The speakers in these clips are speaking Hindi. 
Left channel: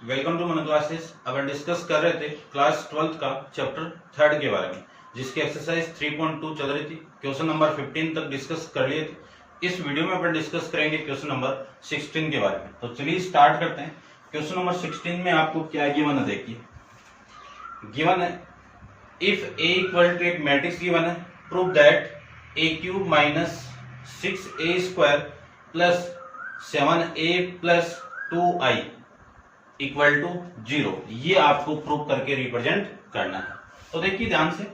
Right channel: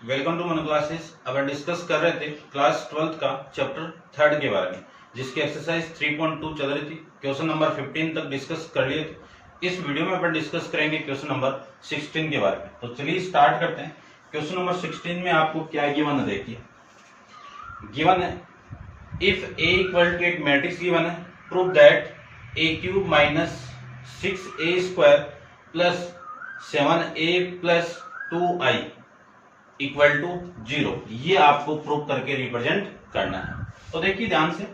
वेलकम टू मन क्लासेस। अब हम डिस्कस कर रहे थे क्लास 12th का चैप्टर 3 के बारे में, जिसकी एक्सरसाइज 3.2 चल रही थी। क्वेश्चन नंबर 15 तक डिस्कस कर लिए थे। इस वीडियो में अपन डिस्कस करेंगे क्वेश्चन नंबर 16 के बारे में। तो चलिए स्टार्ट करते हैं। क्वेश्चन नंबर 16 में आपको क्या गिवन है, देखिए। गिवन है इफ ए इक्वल टू एक मैट्रिक्स गिवन है, prove that A cube minus 6a² plus 7a plus 2i equal to 0। ये आपको प्रूव करके रिप्रेजेंट करना है। तो देखिए ध्यान से,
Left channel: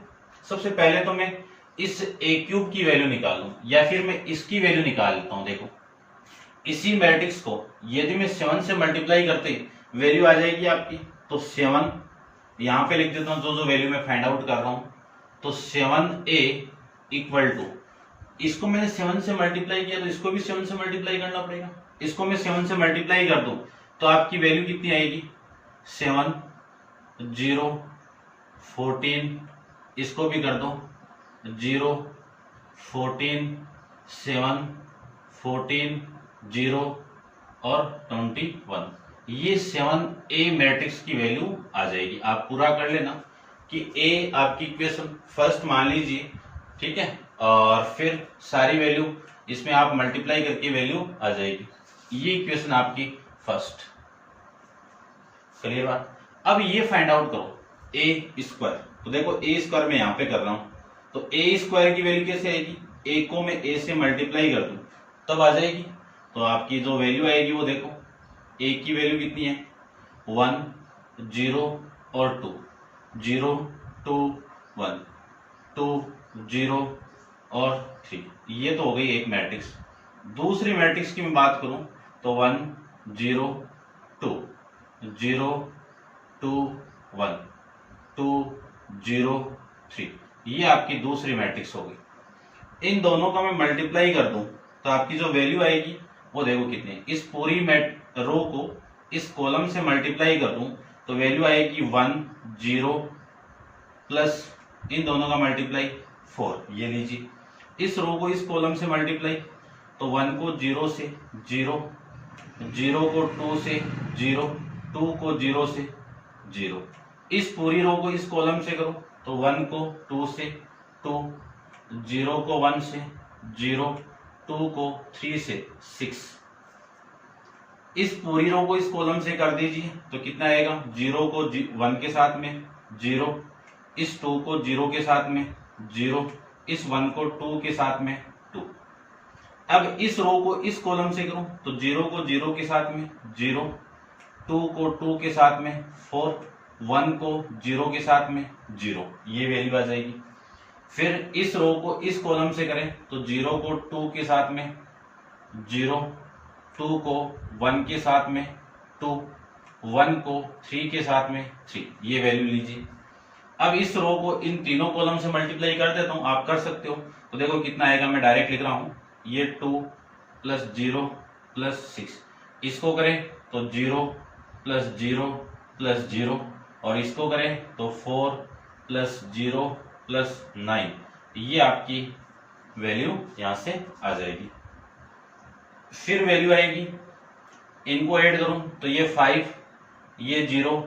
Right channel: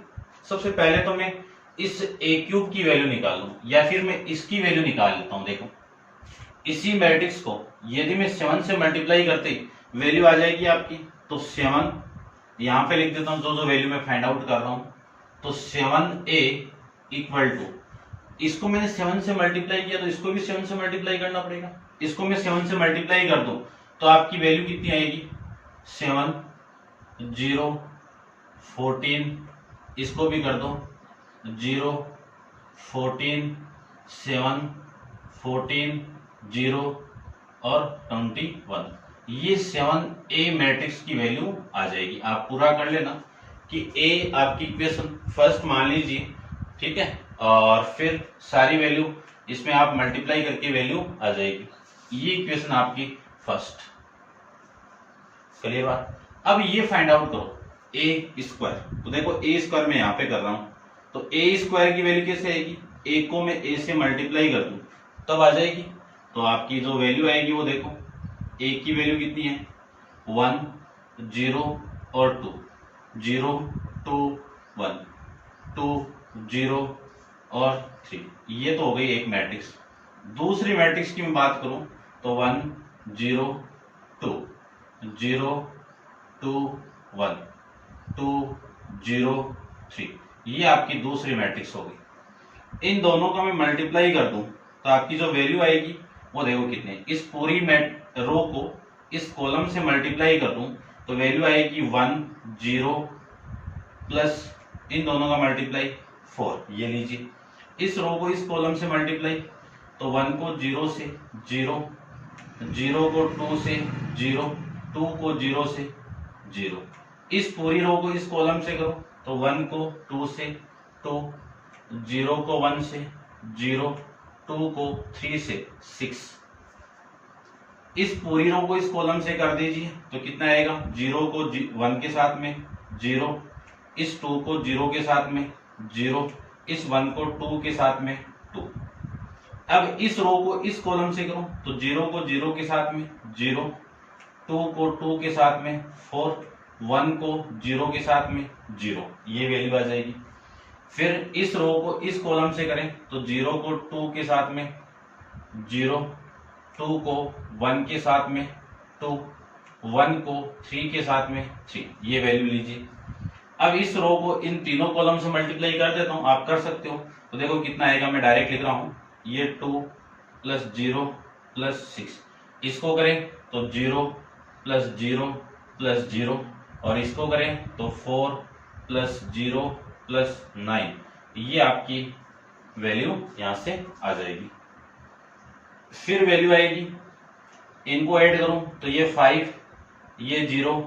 सबसे पहले तो मैं इस ए क्यूब की वैल्यू निकाल लूं या फिर मैं इसकी वैल्यू निकाल लेता हूं। देखो, इसी मैट्रिक्स को यदि मैं 7 से मल्टीप्लाई करते वैल्यू आ जाएगी आपकी। तो 7 यहां पे लिख देता हूं, जो वैल्यू मैं फाइंड आउट कर रहा हूं। तो 7a इक्वल टू, इसको मैंने 7 से मल्टीप्लाई किया तो इसको भी 7 से मल्टीप्लाई करना पड़ेगा। इसको मैं 7 से मल्टीप्लाई कर दूं तो आपकी वैल्यू कितनी आएगी, 7 0 14। इसको भी कर दो 0 14 7 14 0 और 21। ये 7a मैट्रिक्स की वैल्यू आ जाएगी। आप पूरा कर लेना कि a आपकी इक्वेशन फर्स्ट मान लीजिए, ठीक है, और फिर सारी वैल्यू इसमें आप मल्टीप्लाई करके वैल्यू आ जाएगी। ये इक्वेशन आपकी फर्स्ट। चलिए बात, अब ये फाइंड आउट करो ए स्क्वायर। तो देखो ए स्क्वायर में यहां पे कर रहा हूं, तो ए स्क्वायर की वैल्यू कैसे आएगी, ए को मैं ए से मल्टीप्लाई कर दूं तब आ जाएगी। तो आपकी जो वैल्यू आएगी वो देखो, ए की वैल्यू कितनी है, 1 0 और 2, 0 2 1 2 0 और 3। ये तो हो गई एक मैट्रिक्स। दूसरी मैट्रिक्स की मैं बात करूं तो 1 0 2 0 2 1 2 0 3। ये आपकी दूसरी मैट्रिक्स होगी। इन दोनों का मैं मल्टीप्लाई कर दूं तो आपकी जो वैल्यू आएगी वो देखो कितनी। इस पूरी रो को इस कॉलम से मल्टीप्लाई कर दूं तो वैल्यू आएगी 1 0 प्लस इन दोनों का मल्टीप्लाई 4। ये लीजिए, इस रो को इस कॉलम से मल्टीप्लाई, तो 1 को 0 से 0, 0 को 2 से 0, 2 को 0 से 0। इस पूरी रो को इस कॉलम से करो तो 1 को 2 से 2, 0 को 1 से 0, 2 को 3 से 6। इस पूरी रो को इस कॉलम से कर दीजिए तो कितना आएगा, 0 को 1 के साथ में 0, इस 2 को 0 के साथ में 0, इस 1 को 2 के साथ में 2। अब इस रो को इस कॉलम से करो तो 0 को 0 के साथ में 0, 2 को 2 के साथ में 4, 1 को 0 के साथ में 0। ये वैल्यू आ जाएगी। फिर इस रो को इस कॉलम से करें तो 0 को 2 के साथ में 0, 2 को 1 के साथ में 2, 1 को 3 के साथ में 3। ये वैल्यू लीजिए। अब इस रो को इन तीनों कॉलम से मल्टीप्लाई कर देता हूं, आप कर सकते हो। तो देखो कितना आएगा, मैं डायरेक्ट लिख रहा हूं, ये 2 प्लस 0 प्लस 6। इसको करें तो 0 प्लस 0 प्लस 0, और इसको करें तो 4 प्लस 0 प्लस 9। ये आपकी वैल्यू यहां से आ जाएगी। फिर वैल्यू आएगी, इनको ऐड करूं तो ये 5, ये 0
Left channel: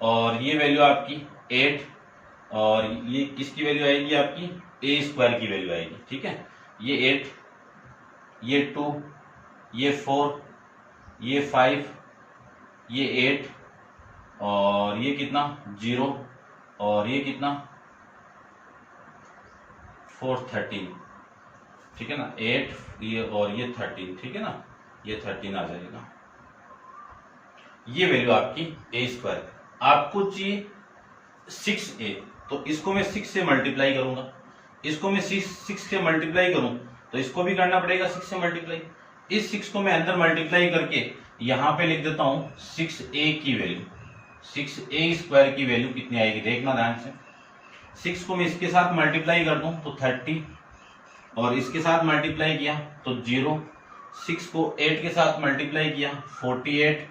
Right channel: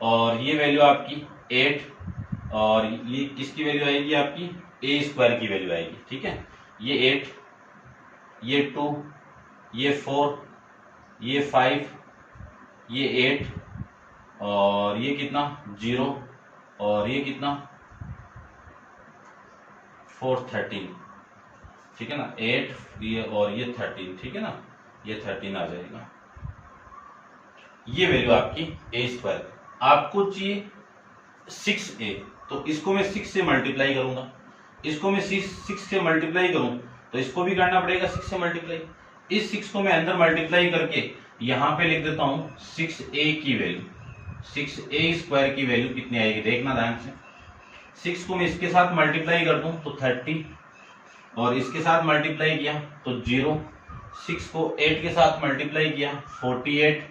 और ये वैल्यू आपकी 8, और ये किसकी वैल्यू आएगी, आपकी ए स्क्वायर की वैल्यू आएगी। ठीक है, ये 8, ये 2, ये 4, ये 5, ये 8 और ये कितना 0 और ये कितना 4 13। ठीक है ना, 8 ये और ये 13। ठीक है ना, ये 13 आ जाएगा। ये वैल्यू आपकी ए स्क्वायर। आपको चाहिए 6a, तो इसको मैं 6 से मल्टीप्लाई करूंगा। इसको मैं 6 से मल्टीप्लाई करूं तो इसको भी करना पड़ेगा 6 से मल्टीप्लाई। इस 6 को मैं अंदर मल्टीप्लाई करके यहां पे लिख देता हूं 6a की वैल्यू। 6a स्क्वायर की वैल्यू कितनी आएगी, देखना ध्यान से। 6 को मैं इसके साथ मल्टीप्लाई कर दूं तो 30, और इसके साथ मल्टीप्लाई किया तो 0, 6 को 8 के साथ मल्टीप्लाई किया 48,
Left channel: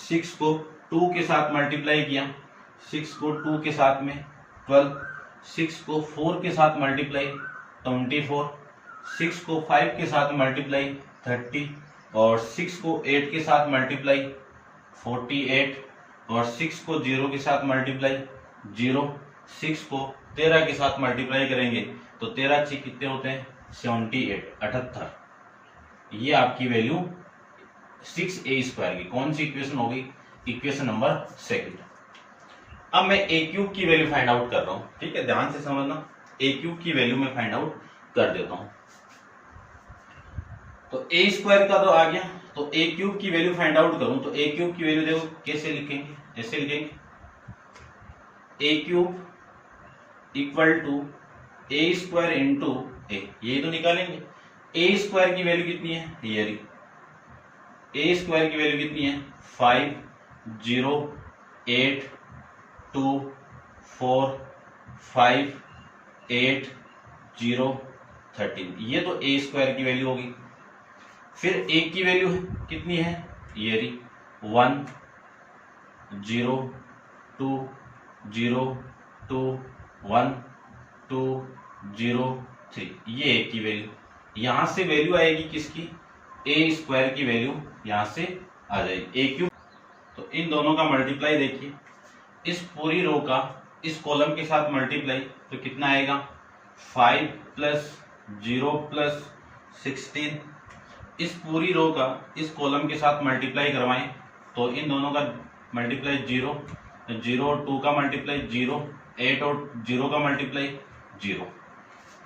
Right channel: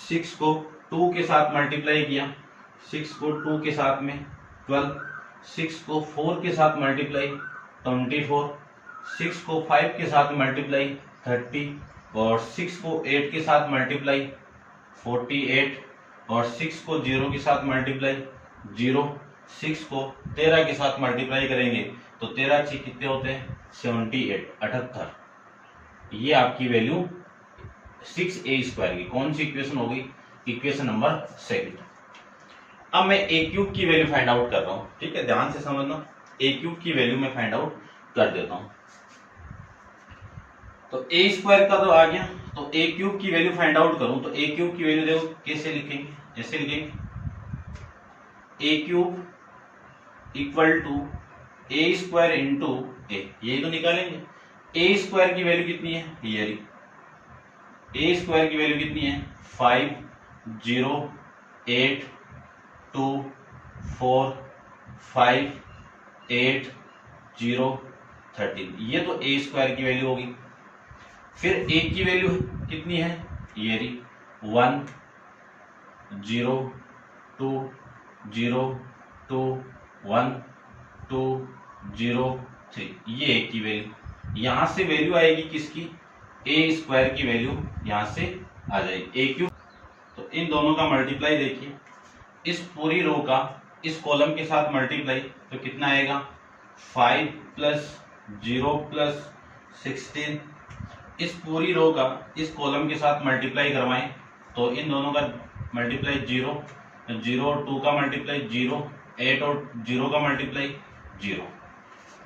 6 को 2 के साथ मल्टीप्लाई किया, 6 को 2 के साथ में 12, 6 को 4 के साथ मल्टीप्लाई 24, 6 को 5 के साथ मल्टीप्लाई 30, और 6 को 8 के साथ मल्टीप्लाई 48, और 6 को 0 के साथ मल्टीप्लाई 0, 6 को 13 के साथ मल्टीप्लाई करेंगे तो 13 6 कितने होते हैं 78, 78। ये आपकी वैल्यू 6a² की कौन सी इक्वेशन होगी, इक्वेशन नंबर 2। अब मैं a क्यूब की वैल्यू फाइंड आउट कर रहा हूं, ठीक है, ध्यान से समझना। a क्यूब की वैल्यू मैं फाइंड आउट कर देता हूं। तो a² का तो आ गया, तो a क्यूब की वैल्यू फाइंड आउट करूं तो a क्यूब की वैल्यू देखो कैसे लिखेंगे, ऐसे लिखेंगे a cube equal to a² into a, यही तो निकालेंगे। a² की वैल्यू कितनी है, ये a² की वैल्यू कितनी है 5 0 8 2 4 5 8 0 13, ये तो a² की वैल्यू होगी। फिर a की वैल्यू कितनी है, ये 1 0 2 0 2 1 2 0 3, ये a की वैल्यू। यहां से वैल्यू आएगी किसकी, a² की वैल्यू यहां से आ जाएगी a क्यूब। तो इन दोनों का मल्टीप्लाई देखिए, इस पूरी रो का इस कॉलम के साथ मल्टीप्लाई तो कितना आएगा 5 प्लस 0 प्लस 16। इस पूरी रो का इस कॉलम के साथ मल्टीप्लाई करवाएं तो इन दोनों का मल्टीप्लाई 0 0 और 2 का मल्टीप्लाई 0, 8 और 0 का मल्टीप्लाई 0।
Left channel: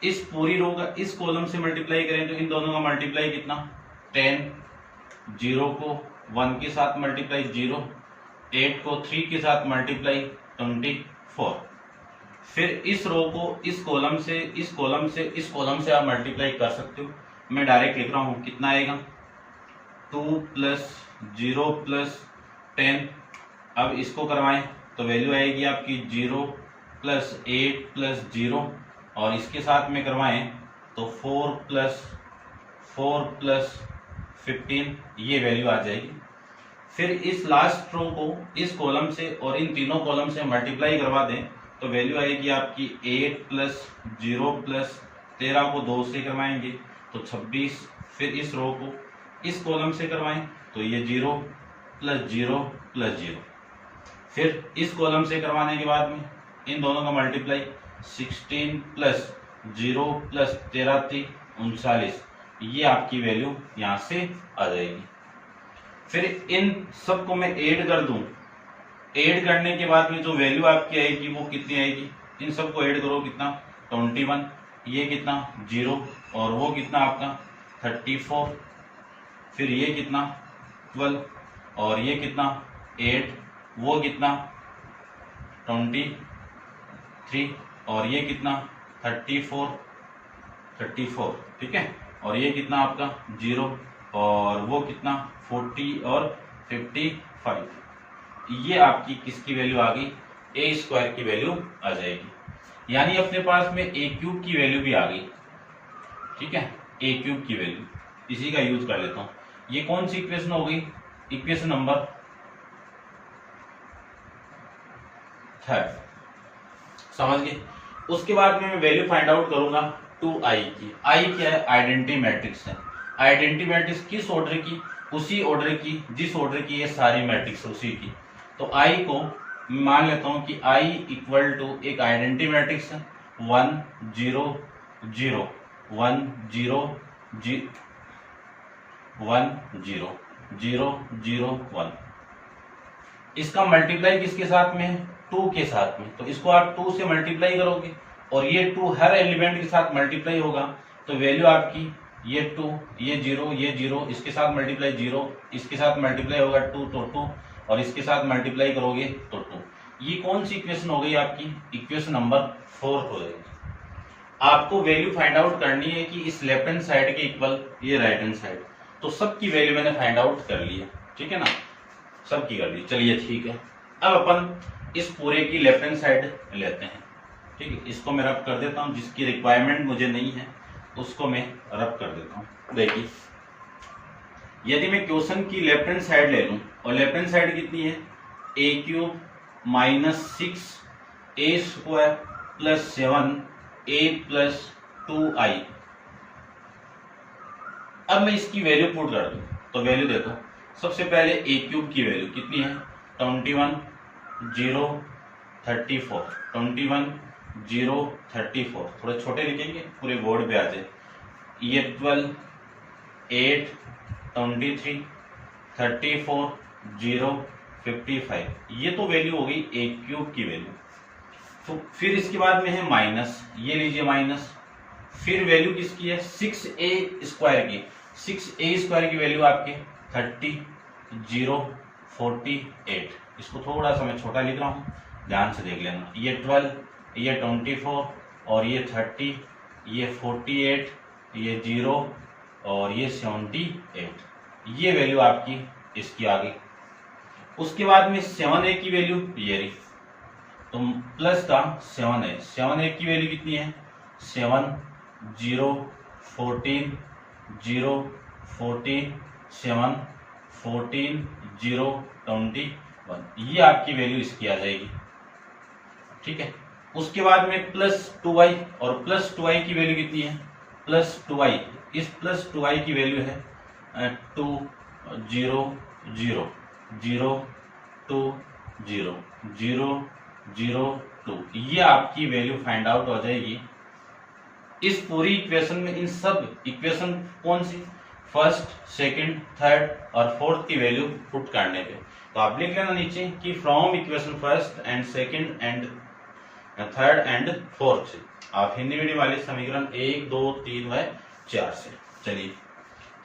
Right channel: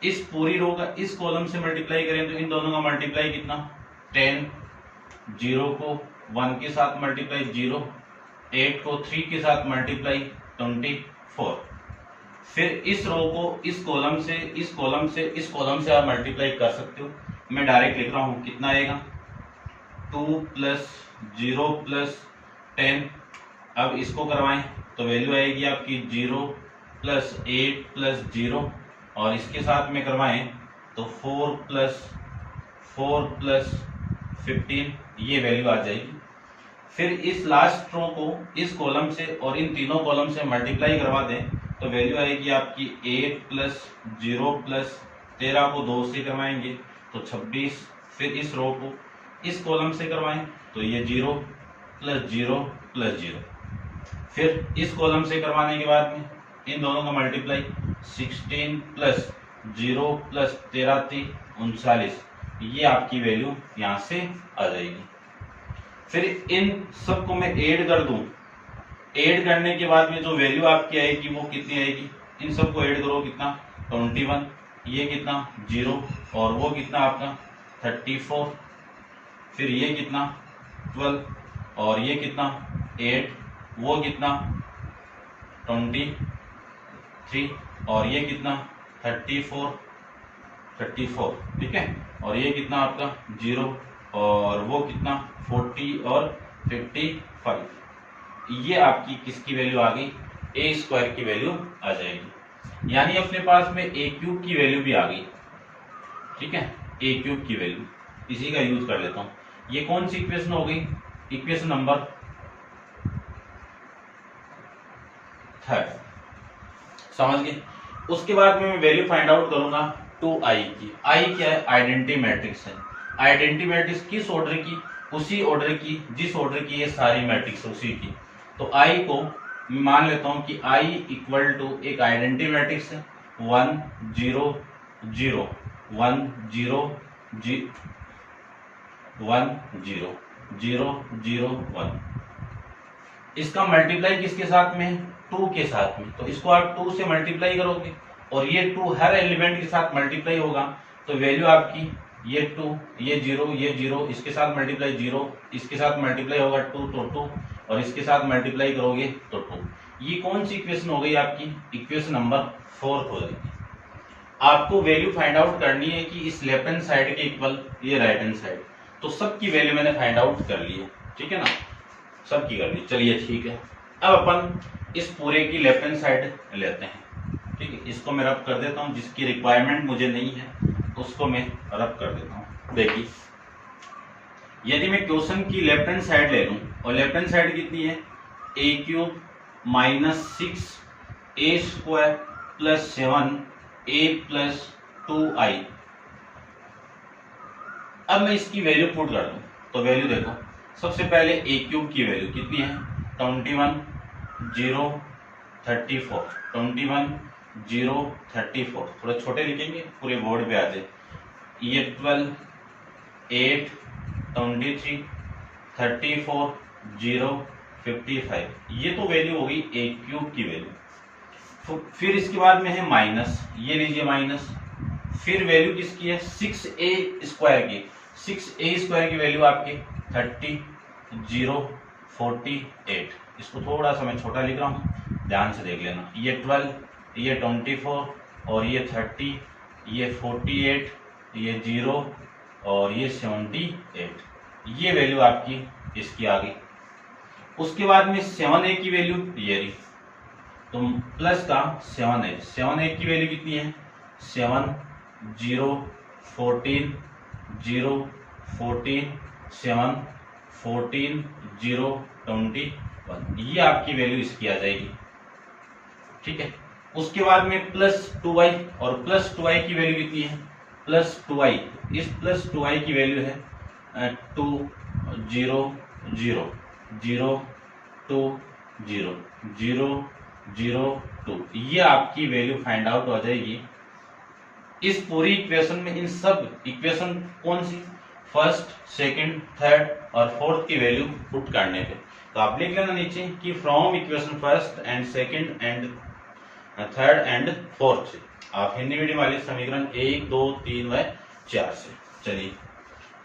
इस पूरी रो का इस कॉलम से मल्टीप्लाई करें तो इन दोनों का मल्टीप्लाई कितना 10, 0 को 1 के साथ मल्टीप्लाई 0, 8 को 3 के साथ मल्टीप्लाई 24। फिर इस रो को इस कॉलम से इस कॉलम से इस कॉलम से आप मल्टीप्लाई कर सकते हो। मैं डायरेक्ट लिख रहा हूं, कितना आएगा 2 प्लस 0 प्लस 10। अब इसको करवाएं तो वैल्यू आएगी आपकी 0 प्लस 8 प्लस 0, और इसके साथ में करवाएं तो 4 प्लस 15, ये वैल्यू आ जाएगी। फिर इस लास्ट रो को इस कॉलम से और इन तीनों कॉलम से मल्टीप्लाई करवा दें तो वैल्यू आएगी आपकी 8 प्लस 0 प्लस 13 को 2 से करवाएंगे तो 26। फिर इस रो को इस कॉलम से करवाएं तो ये 0 प्लस 0 प्लस 0। फिर इस कॉलम से करवाने के बाद में इन दोनों का मल्टीप्लाई 16 प्लस 0 प्लस 13 थी 39, ये आपकी वैल्यू यहाँ से आ जाएगी। फिर इन सबको मैं ऐड कर दूं, ऐड करने के बाद में जो वैल्यू आपकी आएगी वो कितनी आएगी, इन सबको ऐड करो कितना 21, ये कितना 0 और वो कितना आपका 34, फिर ये कितना 12 और ये कितना 8, वो कितना 23 और ये कितना 34, ठीक है, और ये कितना आपका 0 और वो कितना 40 और 55। ये आपकी किसकी वैल्यू आ गई, a² की वैल्यू आ जाएगी। यानी अपने पास में a क्यूब की वैल्यू भी आ गई, ठीक है, a क्यूब की वैल्यू, इसी का यूज कर लेता हूं। ये कौन सी इक्वेशन हो गई, इक्वेशन नंबर 3, समझ गए। उसके बाद में मैं वैल्यू फाइंड आउट करूंगा 2i की। i क्या है, आइडेंटिटी मैट्रिक्स है। आइडेंटिटी मैट्रिक्स किस ऑर्डर की, उसी ऑर्डर की जिस ऑर्डर की ये सारी मैट्रिक्स उसी की। तो i को मान लेता हूं कि i इक्वल टू एक आइडेंटिटी मैट्रिक्स है 1 0 0 1 0 1 0 0 0 1। इसका मल्टीप्लाई किसके साथ में है, 2 के साथ में। तो इसको आप 2 से मल्टीप्लाई करोगे और ये 2 हर एलिमेंट के साथ मल्टीप्लाई होगा तो वैल्यू आपकी ये 2 ये 0 इसके साथ मल्टीप्लाई 0, इसके साथ मल्टीप्लाई होगा 2 तो 2 और इसके साथ मल्टीप्लाई करोगे तो 2। ये कौन सी इक्वेशन हो गई आपकी, इक्वेशन नंबर 4 हो जाएगी। आपको वैल्यू फाइंड आउट करनी है कि इस लेफ्ट हैंड साइड के इक्वल ये राइट हैंड साइड। तो सबकी वैल्यू मैंने फाइंड आउट कर ली है, ठीक है ना, सबकी कर ली। चलिए ठीक है, अब अपन इस पूरे की लेफ्ट हैंड साइड लेते हैं, ठीक है। इसको मैं रब कर देता हूं, जिसकी रिक्वायरमेंट मुझे नहीं है उसको मैं रब कर देता हूं। देखिए, यदि मैं क्वेश्चन की लेफ्ट हैंड साइड ले लूं और लेफ्ट हैंड साइड कितनी है a³ minus 6a² plus 7a plus 2i। अब मैं इसकी वैल्यू पुट कर दूं तो वैल्यू देखो, सबसे पहले a³ की वैल्यू कितनी है 21 0 34, 21 0 34, थोड़े छोटे लिखेंगे पूरे बोर्ड पे आते। ये 12 8 23 34 0 55, ये तो वैल्यू होगी ए क्यूब की वैल्यू। तो फिर इसके बाद में है माइनस, ये लीजिए माइनस। फिर वैल्यू किसकी है 6a स्क्वायर की। 6a स्क्वायर की वैल्यू आपकी 30 0 48। इसको थोड़ा सा मैं छोटा लिख रहा हूँ, ध्यान से देख लेना। ये 12, ये 24 और ये 30, ये 48, ये 0 और ये 78, ये वैल्यू आपकी इसकी आ गई। उसके बाद में 7a की वैल्यू ये रही, तो प्लस का 7a। 7a की वैल्यू कितनी है 7 0 14 0 14 7 14 0 21, ये आपकी वैल्यू इसकी आ जाएगी। ठीक है, उसके बाद में प्लस 2y, और प्लस 2y की वैल्यू कितनी है प्लस 2y। इस प्लस 2y की वैल्यू है 2 0 0 0 2 0 0 0 2, ये आपकी वैल्यू फाइंड आउट हो जाएगी इस पूरी इक्वेशन में। इन सब इक्वेशन कौन सी फर्स्ट, सेकंड, थर्ड और फोर्थ की वैल्यू पुट करने पे, तो आप लिख लेना नीचे कि from equation first and second and third and fourth, आप हिंदी मीडियम वाले समीकरण 1 2 3 व 4 से। चलिए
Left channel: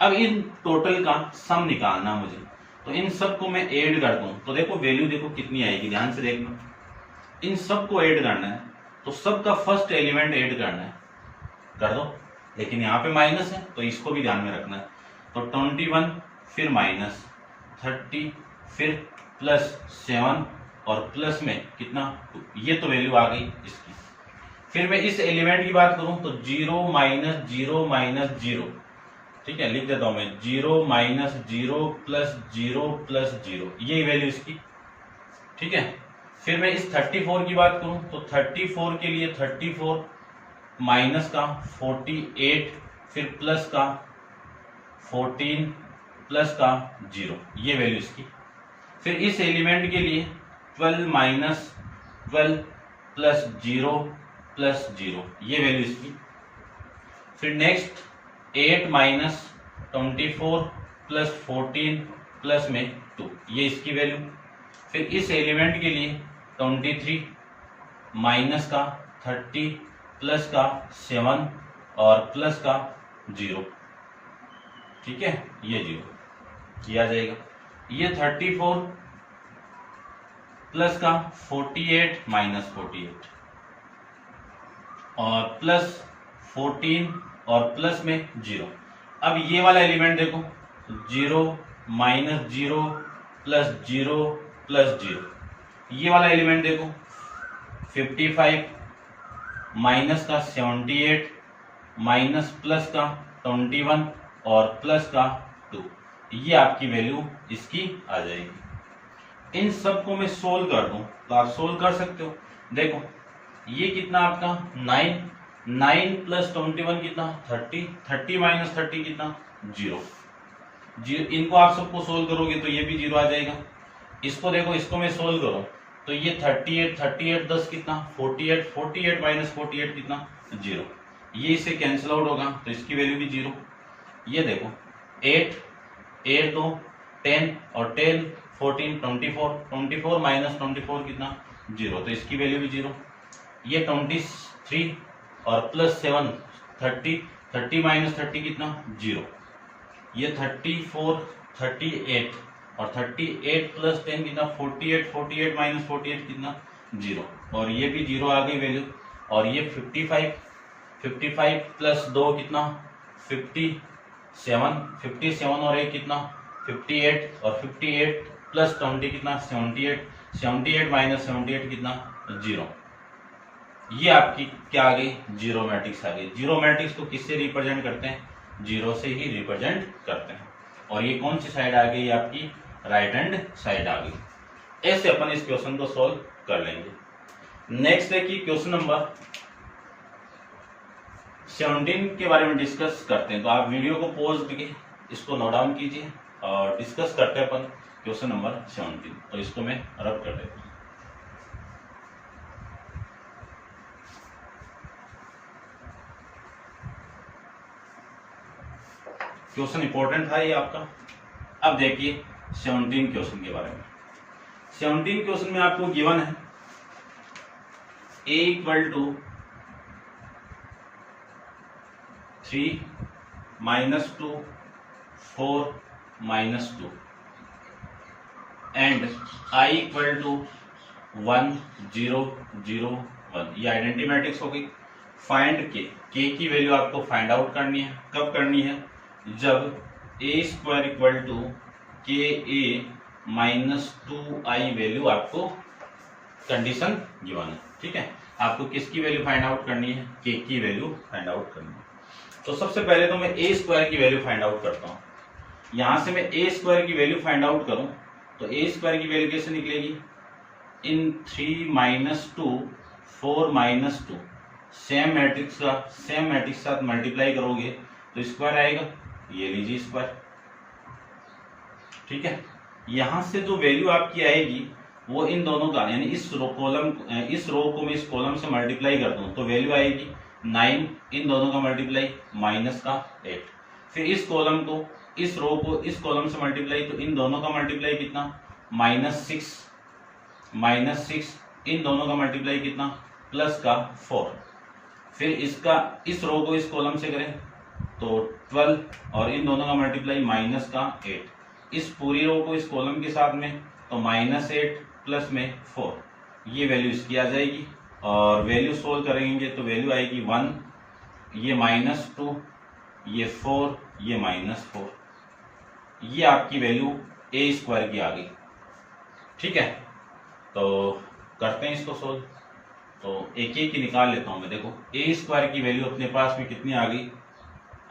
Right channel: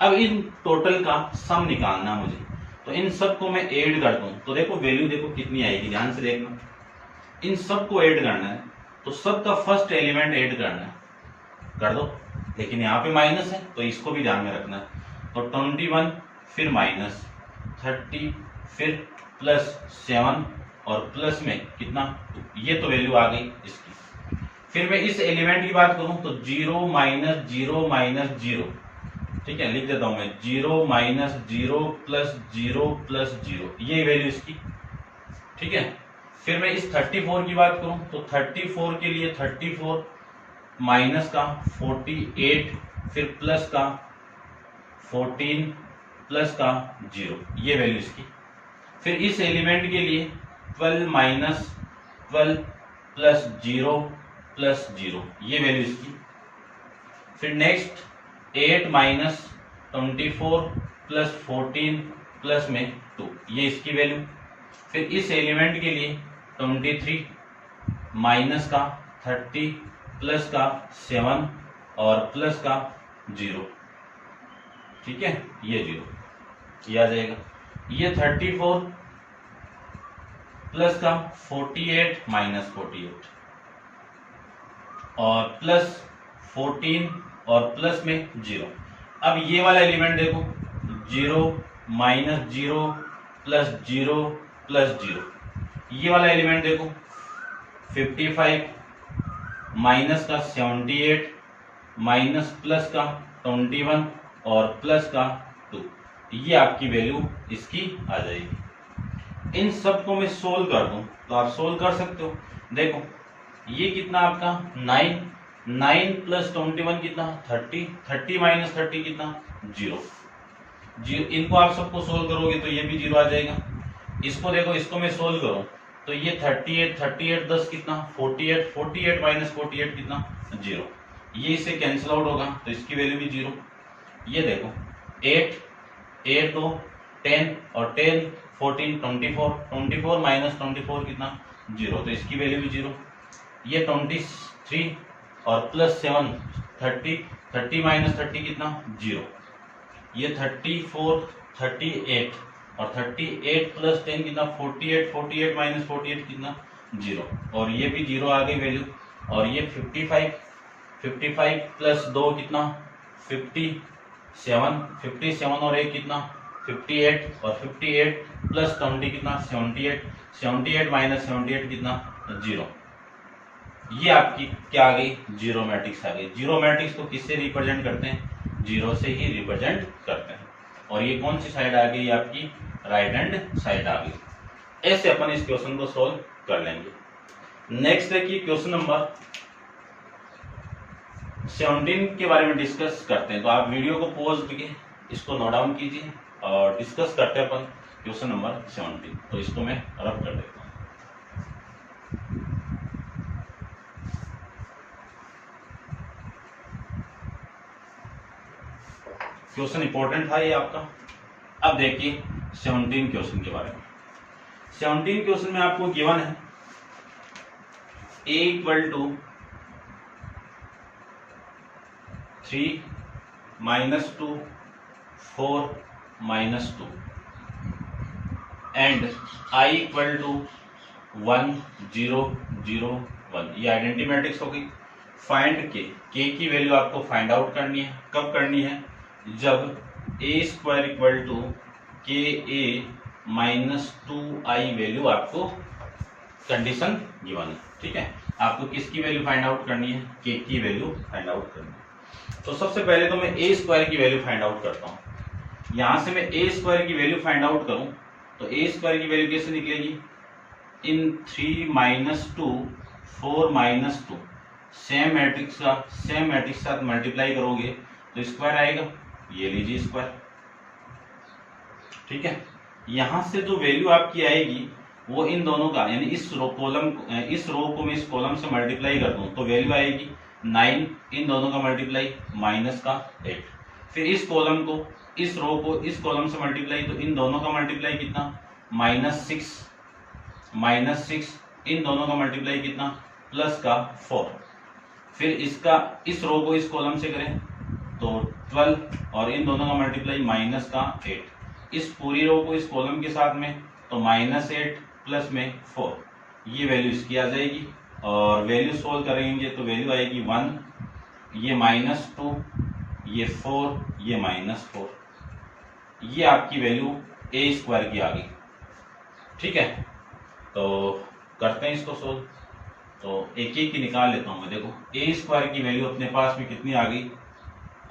अब इन टोटल का सम निकालना मुझे, तो इन सब को मैं ऐड कर दूं तो देखो वैल्यू देखो कितनी आएगी, ध्यान से देखना। इन सब को ऐड करना है तो सबका फर्स्ट एलिमेंट ऐड करना है, कर दो। लेकिन यहाँ पे माइनस है तो इसको भी ध्यान में रखना है। तो 21 फिर माइनस 30 फिर प्लस 7 और प्लस में कितना 2, ये तो वैल्यू आ गई इसकी। फिर मैं इस एलिमेंट की बात करूं तो 0 माइनस 0 माइनस 0, ठीक है लिख देता हूं मैं 0 माइनस 0 प्लस 0 प्लस 0, ये वैल्यू इसकी। ठीक है, फिर मैं इस 34 की बात करूं तो 34 के लिए 34 माइनस का 48 फिर प्लस का 14 प्लस का 0, ये वैल्यू इसकी। फिर इस एलिमेंट के लिए 12 माइनस 12 प्लस 0 प्लस 0, ये वैल्यू इसकी। फिर नेक्स्ट 8 माइनस 24 प्लस 14 प्लस में 2, ये इसकी वैल्यू। फिर इस एलिमेंट के लिए 23 माइनस का 30 प्लस का 7 और प्लस का 0, ठीक है ये 0, ये आ जाएगा। ये 34 प्लस का 48 माइनस 48 और प्लस 14 और प्लस में 0। अब ये वाला एलिमेंट देखो 0 माइनस 0 प्लस 0 प्लस 0, ये वाला एलिमेंट देखो 55 माइनस का 78 माइनस प्लस का 21 और प्लस का 2, ये आपकी वैल्यू इसकी आ जाएगी। इन सब को मैं सोल्व कर दूं तो आप सोल्व कर सकते हो। देखो ये कितना आपका 9 प्लस 21 कितना 30, 30 माइनस 30 कितना 0। इनको आप सबको सोल्व करोगे तो ये भी 0 आ जाएगा। इसको देखो, इसको मैं सोल्व करूं तो ये 38 10 कितना 48 माइनस 48 कितना 0, ये इससे कैंसिल आउट होगा तो इसकी वैल्यू भी 0। ये देखो 8 2 10 और 10 14 24 माइनस 24 कितना 0, तो इसकी वैल्यू भी 0। ये 23 और प्लस 7 30 माइनस 30 कितना 0। ये 34 38 और 38 प्लस 10 कितना 48 माइनस 48 कितना 0, और ये भी 0 आ गई वैल्यू। और ये 55 प्लस 2 कितना 57 और 1 कितना 58 और 58 प्लस 20 कितना 78 माइनस 78 कितना 0, ये आपकी क्या आ गई जीरो मैट्रिक्स आ गई। जीरो मैट्रिक्स को किससे रिप्रेजेंट करते हैं, 0 से ही रिप्रेजेंट करते हैं। और ये कौन सी साइड आ गई आपकी, राइट हैंड साइड आ गई। ऐसे अपन इस क्वेश्चन को सॉल्व कर लेंगे। नेक्स्ट देखिए क्वेश्चन नंबर 17 के बारे में डिस्कस करते हैं। तो आप वीडियो को पॉज करके इसको नोट डाउन कीजिए और डिस्कस करते हैं अपन क्वेश्चन नंबर 17। तो इसको मैं रब कर देता हूँ। क्वेश्चन इंपॉर्टेंट था ये आपका। अब देखिए 17 क्वेश्चन के बारे में। 17 क्वेश्चन में आपको गिवन है a equal to 3 -2 4 -2 and i equal to 1 0 0 1। ये आइडेंटिटी मैट्रिक्स होगी। फाइंड के की वैल्यू आपको फाइंड आउट करनी है। कब करनी है? जब a स्क्वायर इक्वल टू के ए -2i वैल्यू आपको कंडीशन गिवन है। ठीक है, आपको किसकी वैल्यू फाइंड आउट करनी है? के की वैल्यू फाइंड आउट करनी है। तो सबसे पहले तो मैं ए स्क्वायर की वैल्यू फाइंड आउट करता हूं। यहां से मैं ए स्क्वायर की वैल्यू फाइंड आउट करूं तो ए स्क्वायर की वैल्यू कैसे निकलेगी? इन 3 -2 4 -2 सेम मैट्रिक्स के साथ मल्टीप्लाई करोगे तो स्क्वायर आएगा। ये लीजिए स्क्वायर। ठीक है, यहां से जो वैल्यू आपकी आएगी वो इन दोनों का, यानी इस रो को मैं इस कॉलम से मल्टीप्लाई कर दूं तो वैल्यू आएगी 9, इन दोनों का मल्टीप्लाई माइनस का 8। फिर इस कॉलम को इस रो को इस कॉलम से मल्टीप्लाई तो इन दोनों का मल्टीप्लाई कितना? -6 इन दोनों का मल्टीप्लाई कितना? प्लस का 4। फिर इसका इस रो को इस कॉलम से करें तो 12 और इन दोनों का मल्टीप्लाई माइनस का 8। इस पूरी रो को इस कॉलम के साथ में तो -8 प्लस में 4, ये वैल्यू इसकी आ जाएगी। और वैल्यू सोल्व करेंगे तो वैल्यू आएगी 1, ये -2, ये 4, ये -4। ये आपकी वैल्यू ए स्क्वायर की आ गई। ठीक है, तो करते हैं इसको सोल्व। तो एक एक की निकाल लेता हूं मैं। देखो ए स्क्वायर की वैल्यू अपने पास में कितनी आ गई?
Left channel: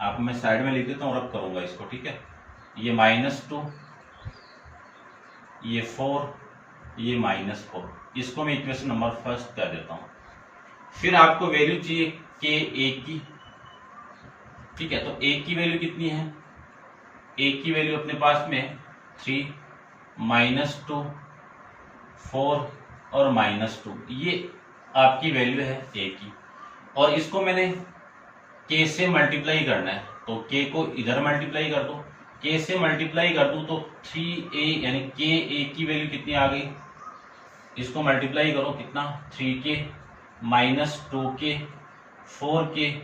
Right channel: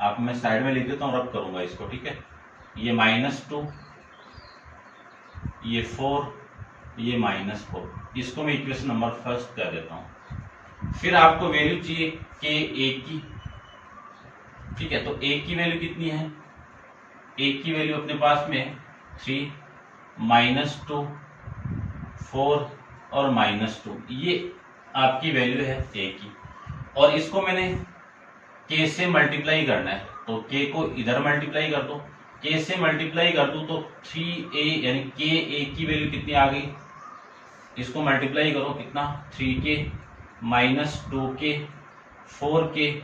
आप मैं साइड में लिख देता हूँ, रब करूंगा इसको। ठीक है, ये -2, ये 4, ये -4। इसको मैं इक्वेशन नंबर फर्स्ट कर देता हूं। फिर आपको वैल्यू चाहिए के ए की। ठीक है, तो ए की वैल्यू कितनी है? ए की वैल्यू अपने पास में 3 -2 4 और -2, ये आपकी वैल्यू है ए की। और इसको मैंने के से मल्टीप्लाई करना है तो के को इधर मल्टीप्लाई कर दो। के से मल्टीप्लाई कर दूं तो 3a यानी के ए की वैल्यू कितनी आ गई? इसको मल्टीप्लाई करो कितना? 3k -2k 4k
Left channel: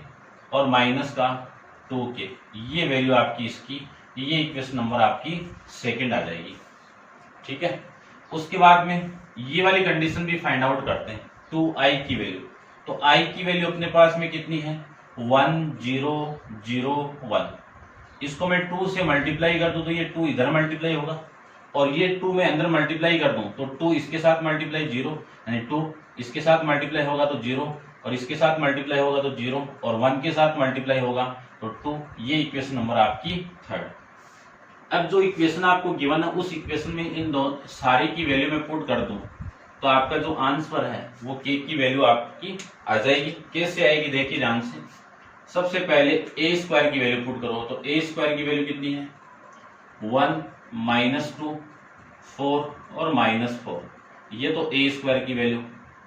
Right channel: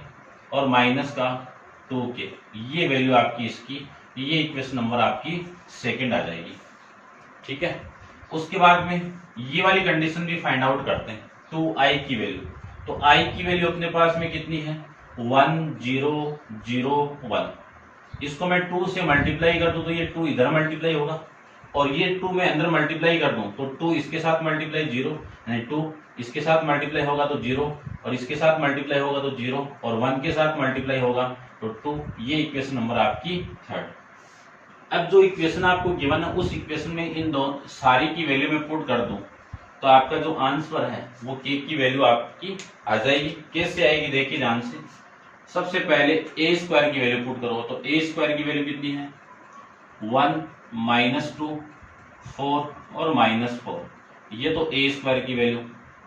और माइनस का 2k। ये वैल्यू आपकी इसकी, ये इक्वेशन नंबर आपकी सेकंड आ जाएगी। ठीक है, उसके बाद में ये वाली कंडीशन भी फाइंड आउट करते हैं, 2i की वैल्यू। तो i की वैल्यू अपने पास में कितनी है? 1 0 0 1। इसको मैं 2 से मल्टीप्लाई कर दूं तो ये 2 इधर मल्टीप्लाई होगा और ये 2 मैं अंदर मल्टीप्लाई कर दूं तो 2 इसके साथ मल्टीप्लाई 0, यानी 2 इसके साथ मल्टीप्लाई होगा तो 0 और इसके साथ मल्टीप्लाई होगा तो 0 और 1 के साथ मल्टीप्लाई होगा तो 2। ये इक्वेशन नंबर आपकी थर्ड। अब जो इक्वेशन आपको गिवन है उस इक्वेशन में इन दोनों सारी की वैल्यू में पुट कर दूं तो आपका जो आंसर है वो के की वैल्यू आपकी आ जाएगी। कैसे आएगी देखिए ध्यान से। सबसे पहले ए स्क्वायर की वैल्यू पुट करो तो ए स्क्वायर की वैल्यू कितनी है? 1 -2 4 और -4, ये तो ए स्क्वायर की वैल्यू।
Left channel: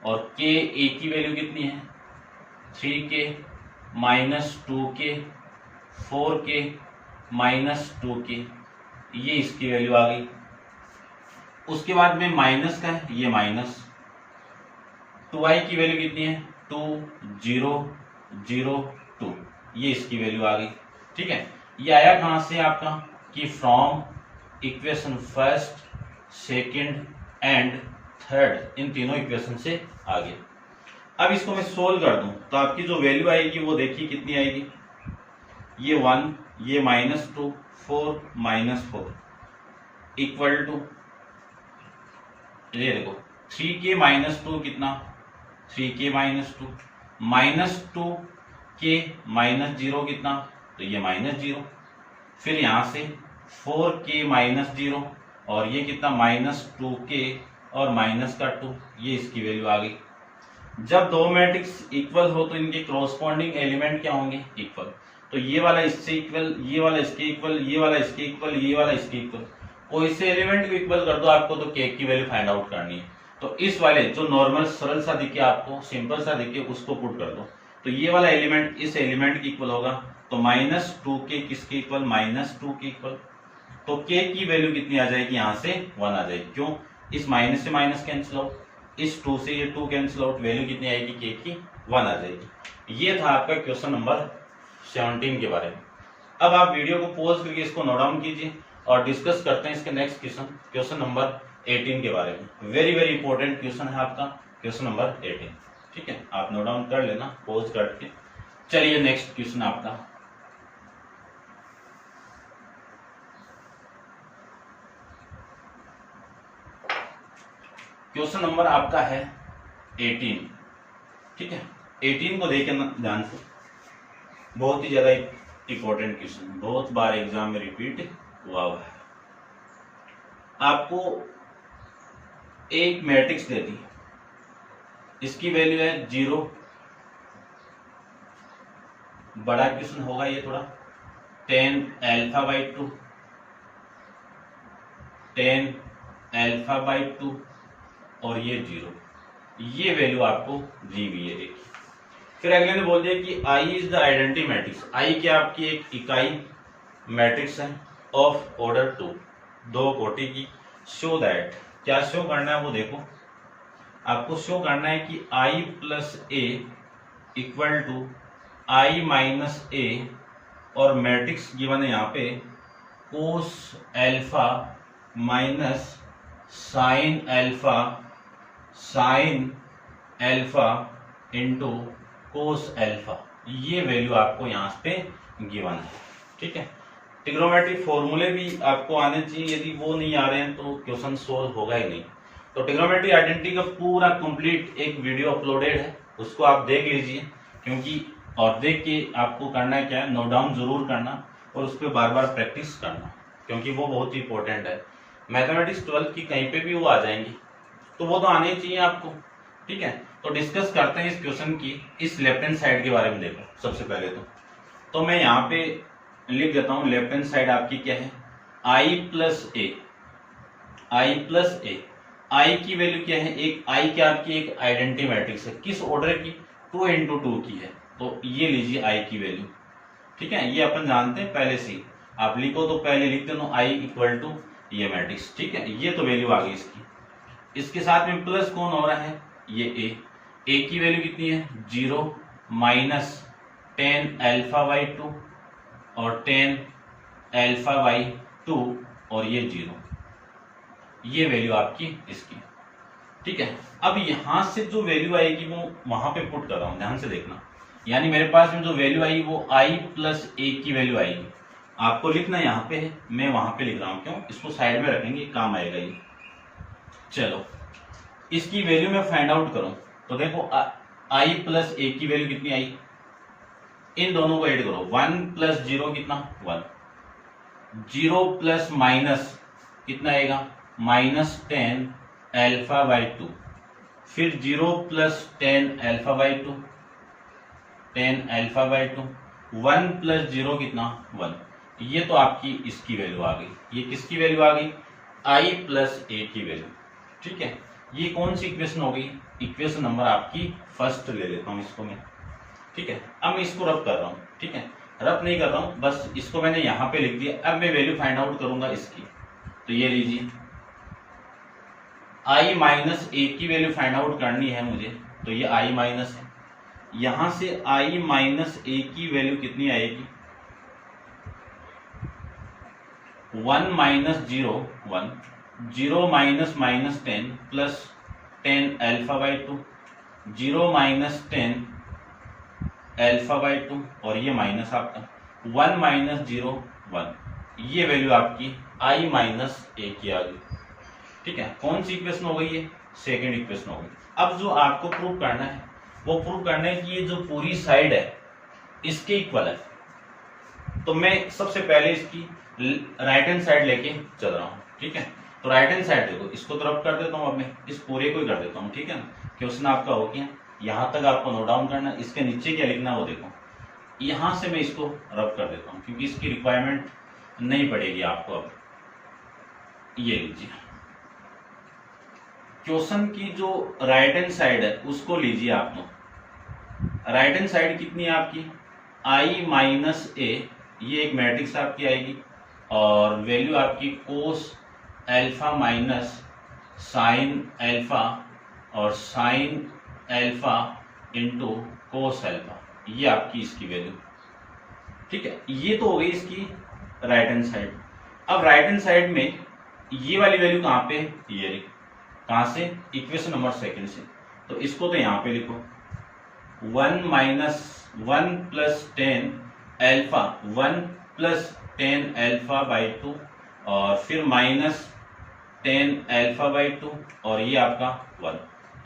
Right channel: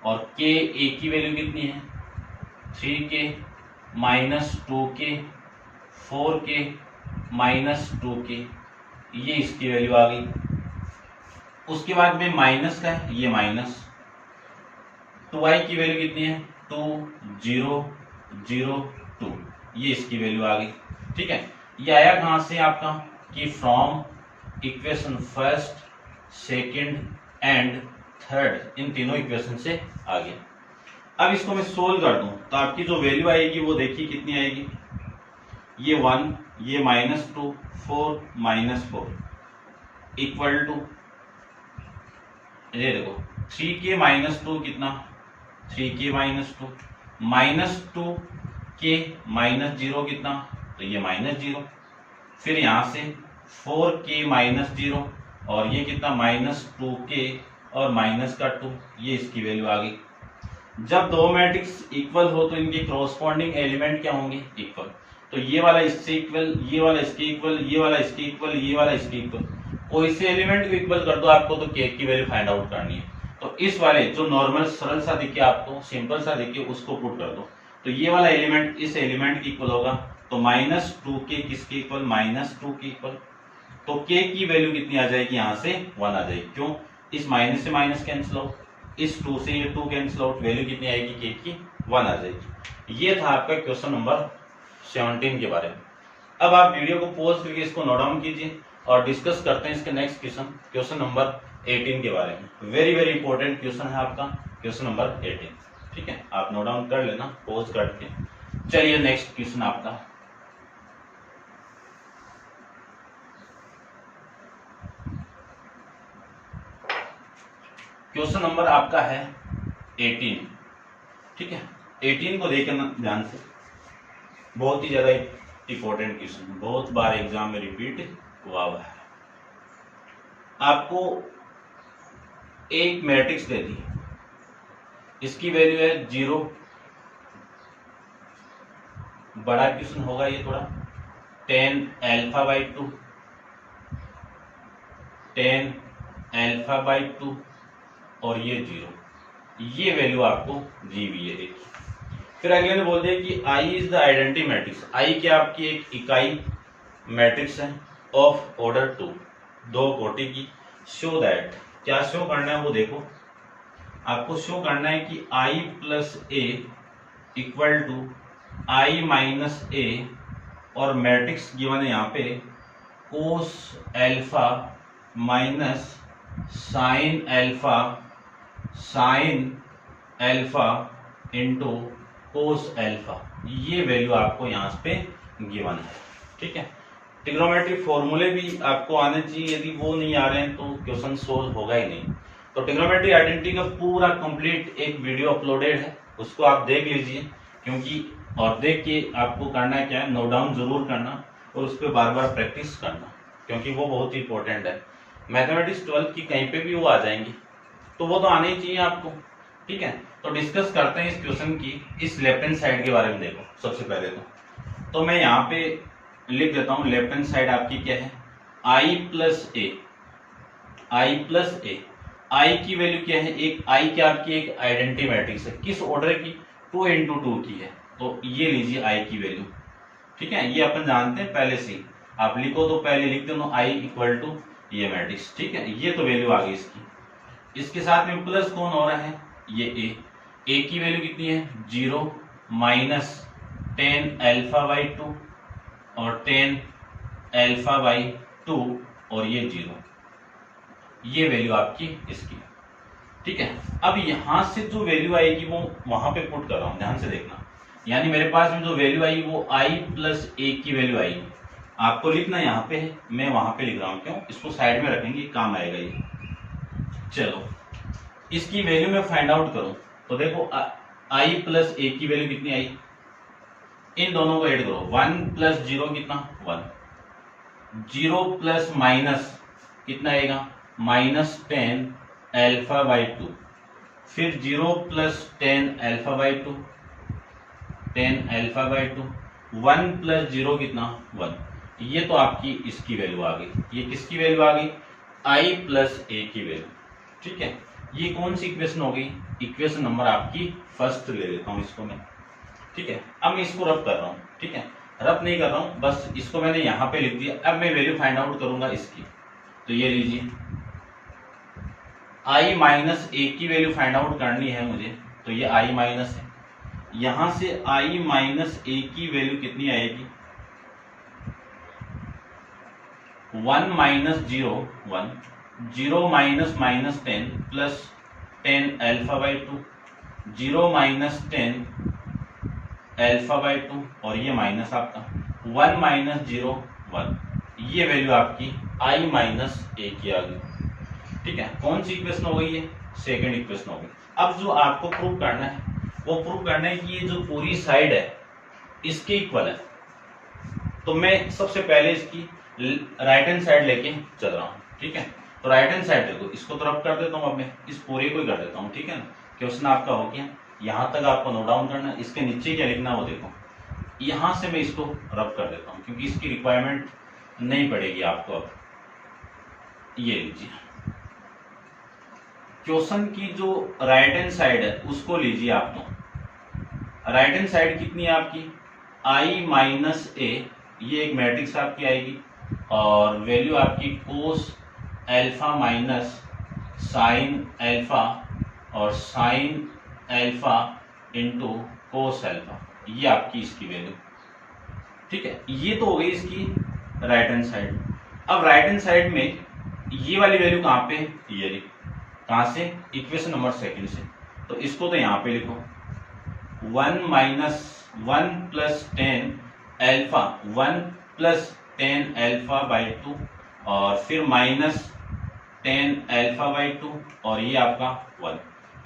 और के ए की वैल्यू कितनी है? 3k -2k 4k -2k, ये इसकी वैल्यू आ गई। उसके बाद में माइनस का है, ये माइनस 2i की वैल्यू कितनी है? 2 0 0 2, ये इसकी वैल्यू आ गई। ठीक है, ये आया कहां से आपका? कि from equation first second and third, इन तीनों इक्वेशन से आ गया। अब इसको मैं सोल्व कर दूं तो आपकी जो वैल्यू आएगी वो देखिए कितनी आएगी? ये 1, ये -2 4 -4 इक्वल टू, ये देखो 3k -2 कितना? 3k -2 -2k -0 कितना? तो ये -0। फिर यहां से 4k -0 और ये कितना? -2k और माइनस का 2, ये इसकी वैल्यू आ गई। जब दो मैट्रिक्स इक्वल हो तो इनके कॉरस्पॉन्डिंग एलिमेंट क्या होंगे? इक्वल। तो ये वाला इससे इक्वल, ये वाला इसके इक्वल, ये वाला इसके इक्वल, ये वाला इसके इक्वल, कोई से एलिमेंट भी इक्वल कर दो आपको तो के की वैल्यू फाइंड आउट करनी है। तो इस वाले जो नॉर्मल सरल सा दिखे आपको, सिंपल सा दिखे, उसको पुट कर दो तो ये वाला एलिमेंट इस एलिमेंट की इक्वल होगा तो -2k किसके इक्वल, -2 के इक्वल। तो k की वैल्यू कितनी आ जाएगी, यहाँ से 1 आ जाएगी। क्यों, इस माइनस से माइनस कैंसिल आउट, इस 2 से ये 2 कैंसिल आउट, वैल्यू कितनी आएगी, k की 1 आ जाएगी। ये था आपका क्वेश्चन नंबर 17 के बारे में। अब आप वीडियो को पॉज करके इसको नोट डाउन कीजिए और डिस्कस करते हैं इसके नेक्स्ट क्वेश्चन, क्वेश्चन नंबर 18 के बारे में। वेरी वेरी इंपॉर्टेंट क्वेश्चन है आपका क्वेश्चन नंबर 18। ठीक है, आप नोट डाउन कर लेना पॉज करके। चलिए नेक्स्ट क्वेश्चन आपका, क्वेश्चन नंबर आपका है 18। ठीक है, 18 को देखना ध्यान से, बहुत ही ज्यादा इंपॉर्टेंट क्वेश्चन, बहुत बार एग्जाम में रिपीट हुआ है। आपको एक मैट्रिक्स दे दी, इसकी वैल्यू है 0, बड़ा क्वेश्चन होगा ये थोड़ा, 10 α/2, 10 α/2 और ये 0, ये वैल्यू आपको दी हुई है एक। फिर अगले ने बोल दिया कि I is the identity matrix, I क्या आपकी एक इकाई मैट्रिक्स है ऑफ ऑर्डर 2, 2 कोटि की। शो दैट, क्या शो करना है वो देखो, आपको शो करना है कि I plus A equal to I minus A, और मैट्रिक्स गिवन है यहाँ पे cos alpha minus sine alpha into cos alpha, ये वैल्यू आपको यहाँ पे गिवन है। ठीक है, ट्रिग्नोमेट्री फॉर्मूले भी आपको आने चाहिए, यदि वो नहीं आ रहे हैं तो क्वेश्चन सोल्व होगा ही नहीं। तो ट्रिग्नोमेट्री आइडेंटिटी का पूरा कंप्लीट एक वीडियो अपलोडेड है, उसको आप देख लीजिए, क्योंकि और देख के आपको करना है क्या है, नोट डाउन जरूर करना और उस पर बार बार प्रैक्टिस करना, क्योंकि वो बहुत ही इंपॉर्टेंट है। मैथमेटिक्स 12 की कहीं पे भी वो आ जाएंगी, तो वो तो आने ही चाहिए आपको। ठीक है, तो डिस्कस करते हैं इस क्वेश्चन की, इस लेफ्ट हैंड साइड के बारे में। देखो सबसे पहले तो मैं यहाँ पे लिख देता हूँ, लेफ्ट हैंड साइड आपकी क्या है, I प्लस ए, आई की वैल्यू क्या है, एक आई क्या आपकी एक आइडेंटिटी मैट्रिक्स है, किस ऑर्डर की, 2 into 2 की है, तो ये लीजिए आई की वैल्यू। ठीक है, ये अपन जानते हैं पहले से, आप लिखो तो पहले लिख दो आई इक्वल टू ये मैट्रिक्स। ठीक है, ये तो वैल्यू आ गई इसकी। इसके साथ में प्लस कौन हो रहा है, ये ए की वैल्यू कितनी है, 0 माइनस 10 α/2 और 10 α/2 और ये 0, ये वैल्यू आपकी इसकी। ठीक है, अब यहां से जो वैल्यू आएगी वो वहां पे पुट कर रहा हूं, ध्यान से देखना। यानी मेरे पास में जो वैल्यू आएगी वो I प्लस ए की वैल्यू आएगी, आपको लिखना यहाँ पे है, मैं वहां पे लिख रहा हूँ, क्यों, इसको साइड में रखेंगे, काम आएगा ये। चलो इसकी वैल्यू मैं फाइंड आउट करूं तो देखो I प्लस ए की वैल्यू कितनी आई, इन दोनों को ऐड करो, 1 प्लस 0 कितना 1, 0 प्लस माइनस कितना आएगा, -10 α/2, फिर 0 प्लस 10 α/2, 10 α/2, 1 प्लस 0 कितना 1, ये तो आपकी इसकी वैल्यू आ गई। ये किसकी वैल्यू आ गई, I प्लस ए की वैल्यू। ठीक है, ये कौन सी इक्वेशन हो गई, इक्वेशन नंबर आपकी फर्स्ट ले लेता हूं इसको मैं। ठीक है, अब मैं इसको रब कर रहा हूं। ठीक है, रब नहीं कर रहा हूं, बस इसको मैंने यहां पे लिख दिया। अब मैं वैल्यू फाइंड आउट करूंगा इसकी, तो ये लीजिए I माइनस ए की वैल्यू फाइंड आउट करनी है मुझे, तो ये I माइनस है, यहां से I माइनस ए की वैल्यू कितनी आएगी, 1 माइनस 0 1, 0 माइनस -10 प्लस 10 α/2, 0 माइनस 10 α/2 और ये माइनस आपका 1 माइनस 0 1, ये वैल्यू आपकी I माइनस ए की आ गई। ठीक है, कौन सी इक्वेशन हो गई है, सेकंड इक्वेशन हो गई। अब जो आपको प्रूव करना है वो प्रूव करना है कि ये जो पूरी साइड है इसके इक्वल है। तो मैं सबसे पहले इसकी राइट हैंड साइड लेके चल रहा हूँ। ठीक है, तो राइट हैंड साइड देखो, इसको तो रब कर देता हूँ, अब मैं इस पूरे को ही कर देता हूँ। ठीक है ना, क्वेश्चन आपका हो गया, यहाँ तक आपको नोट डाउन करना, इसके नीचे क्या लिखना वो देखो, यहां से मैं इसको रब कर देता हूँ क्योंकि इसकी रिक्वायरमेंट नहीं पड़ेगी आपको। अब ये लीजिए, क्वेश्चन की जो राइट हैंड साइड है उसको लीजिए आप। तो राइट हैंड साइड कितनी है आपकी, i माइनस ए, ये एक मैट्रिक्स आपकी आएगी और वैल्यू आपकी cos alpha minus sine alpha और sine alpha into cos alpha, ये आपकी इसकी वैल्यू। ठीक है, ये तो हो गई इसकी राइट हैंड साइड। अब राइट हैंड साइड में ये वाली वैल्यू कहाँ पे, ये लिख, कहाँ से, इक्वेशन नंबर सेकंड से। तो इसको तो यहाँ पे लिखो 1 minus 1 plus 10 alpha, 1 plus 10 alpha by 2 और फिर माइनस 10 एल्फा बाई 2 और ये आपका 1,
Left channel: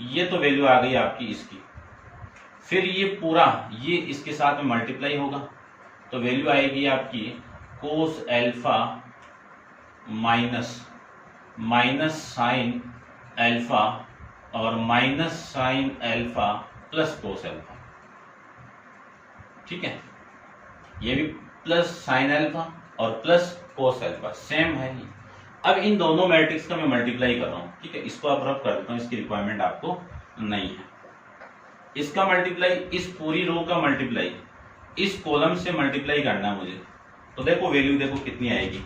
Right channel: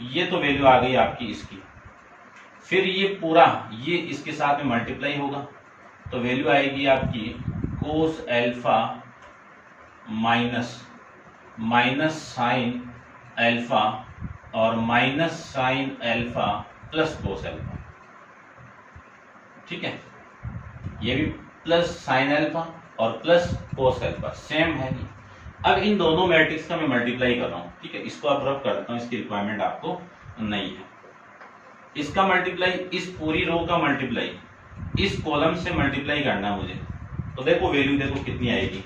ये तो वैल्यू आ गई आपकी इसकी। फिर ये पूरा ये इसके साथ में मल्टीप्लाई होगा तो वैल्यू आएगी आपकी cos alpha minus minus sine alpha और minus sine alpha plus cos alpha. ठीक है, ये भी प्लस साइन एल्फा और प्लस कोस एल्फा सेम है ही। अब इन दोनों मैट्रिक्स का मैं मल्टीप्लाई कर रहा हूँ। ठीक है, इसको आप रब कर देता हूँ, इसकी रिक्वायरमेंट आपको नहीं है। इसका मल्टीप्लाई, इस पूरी रो का मल्टीप्लाई इस कॉलम से मल्टीप्लाई करना है मुझे। तो देखो वैल्यू देखो कितनी आएगी,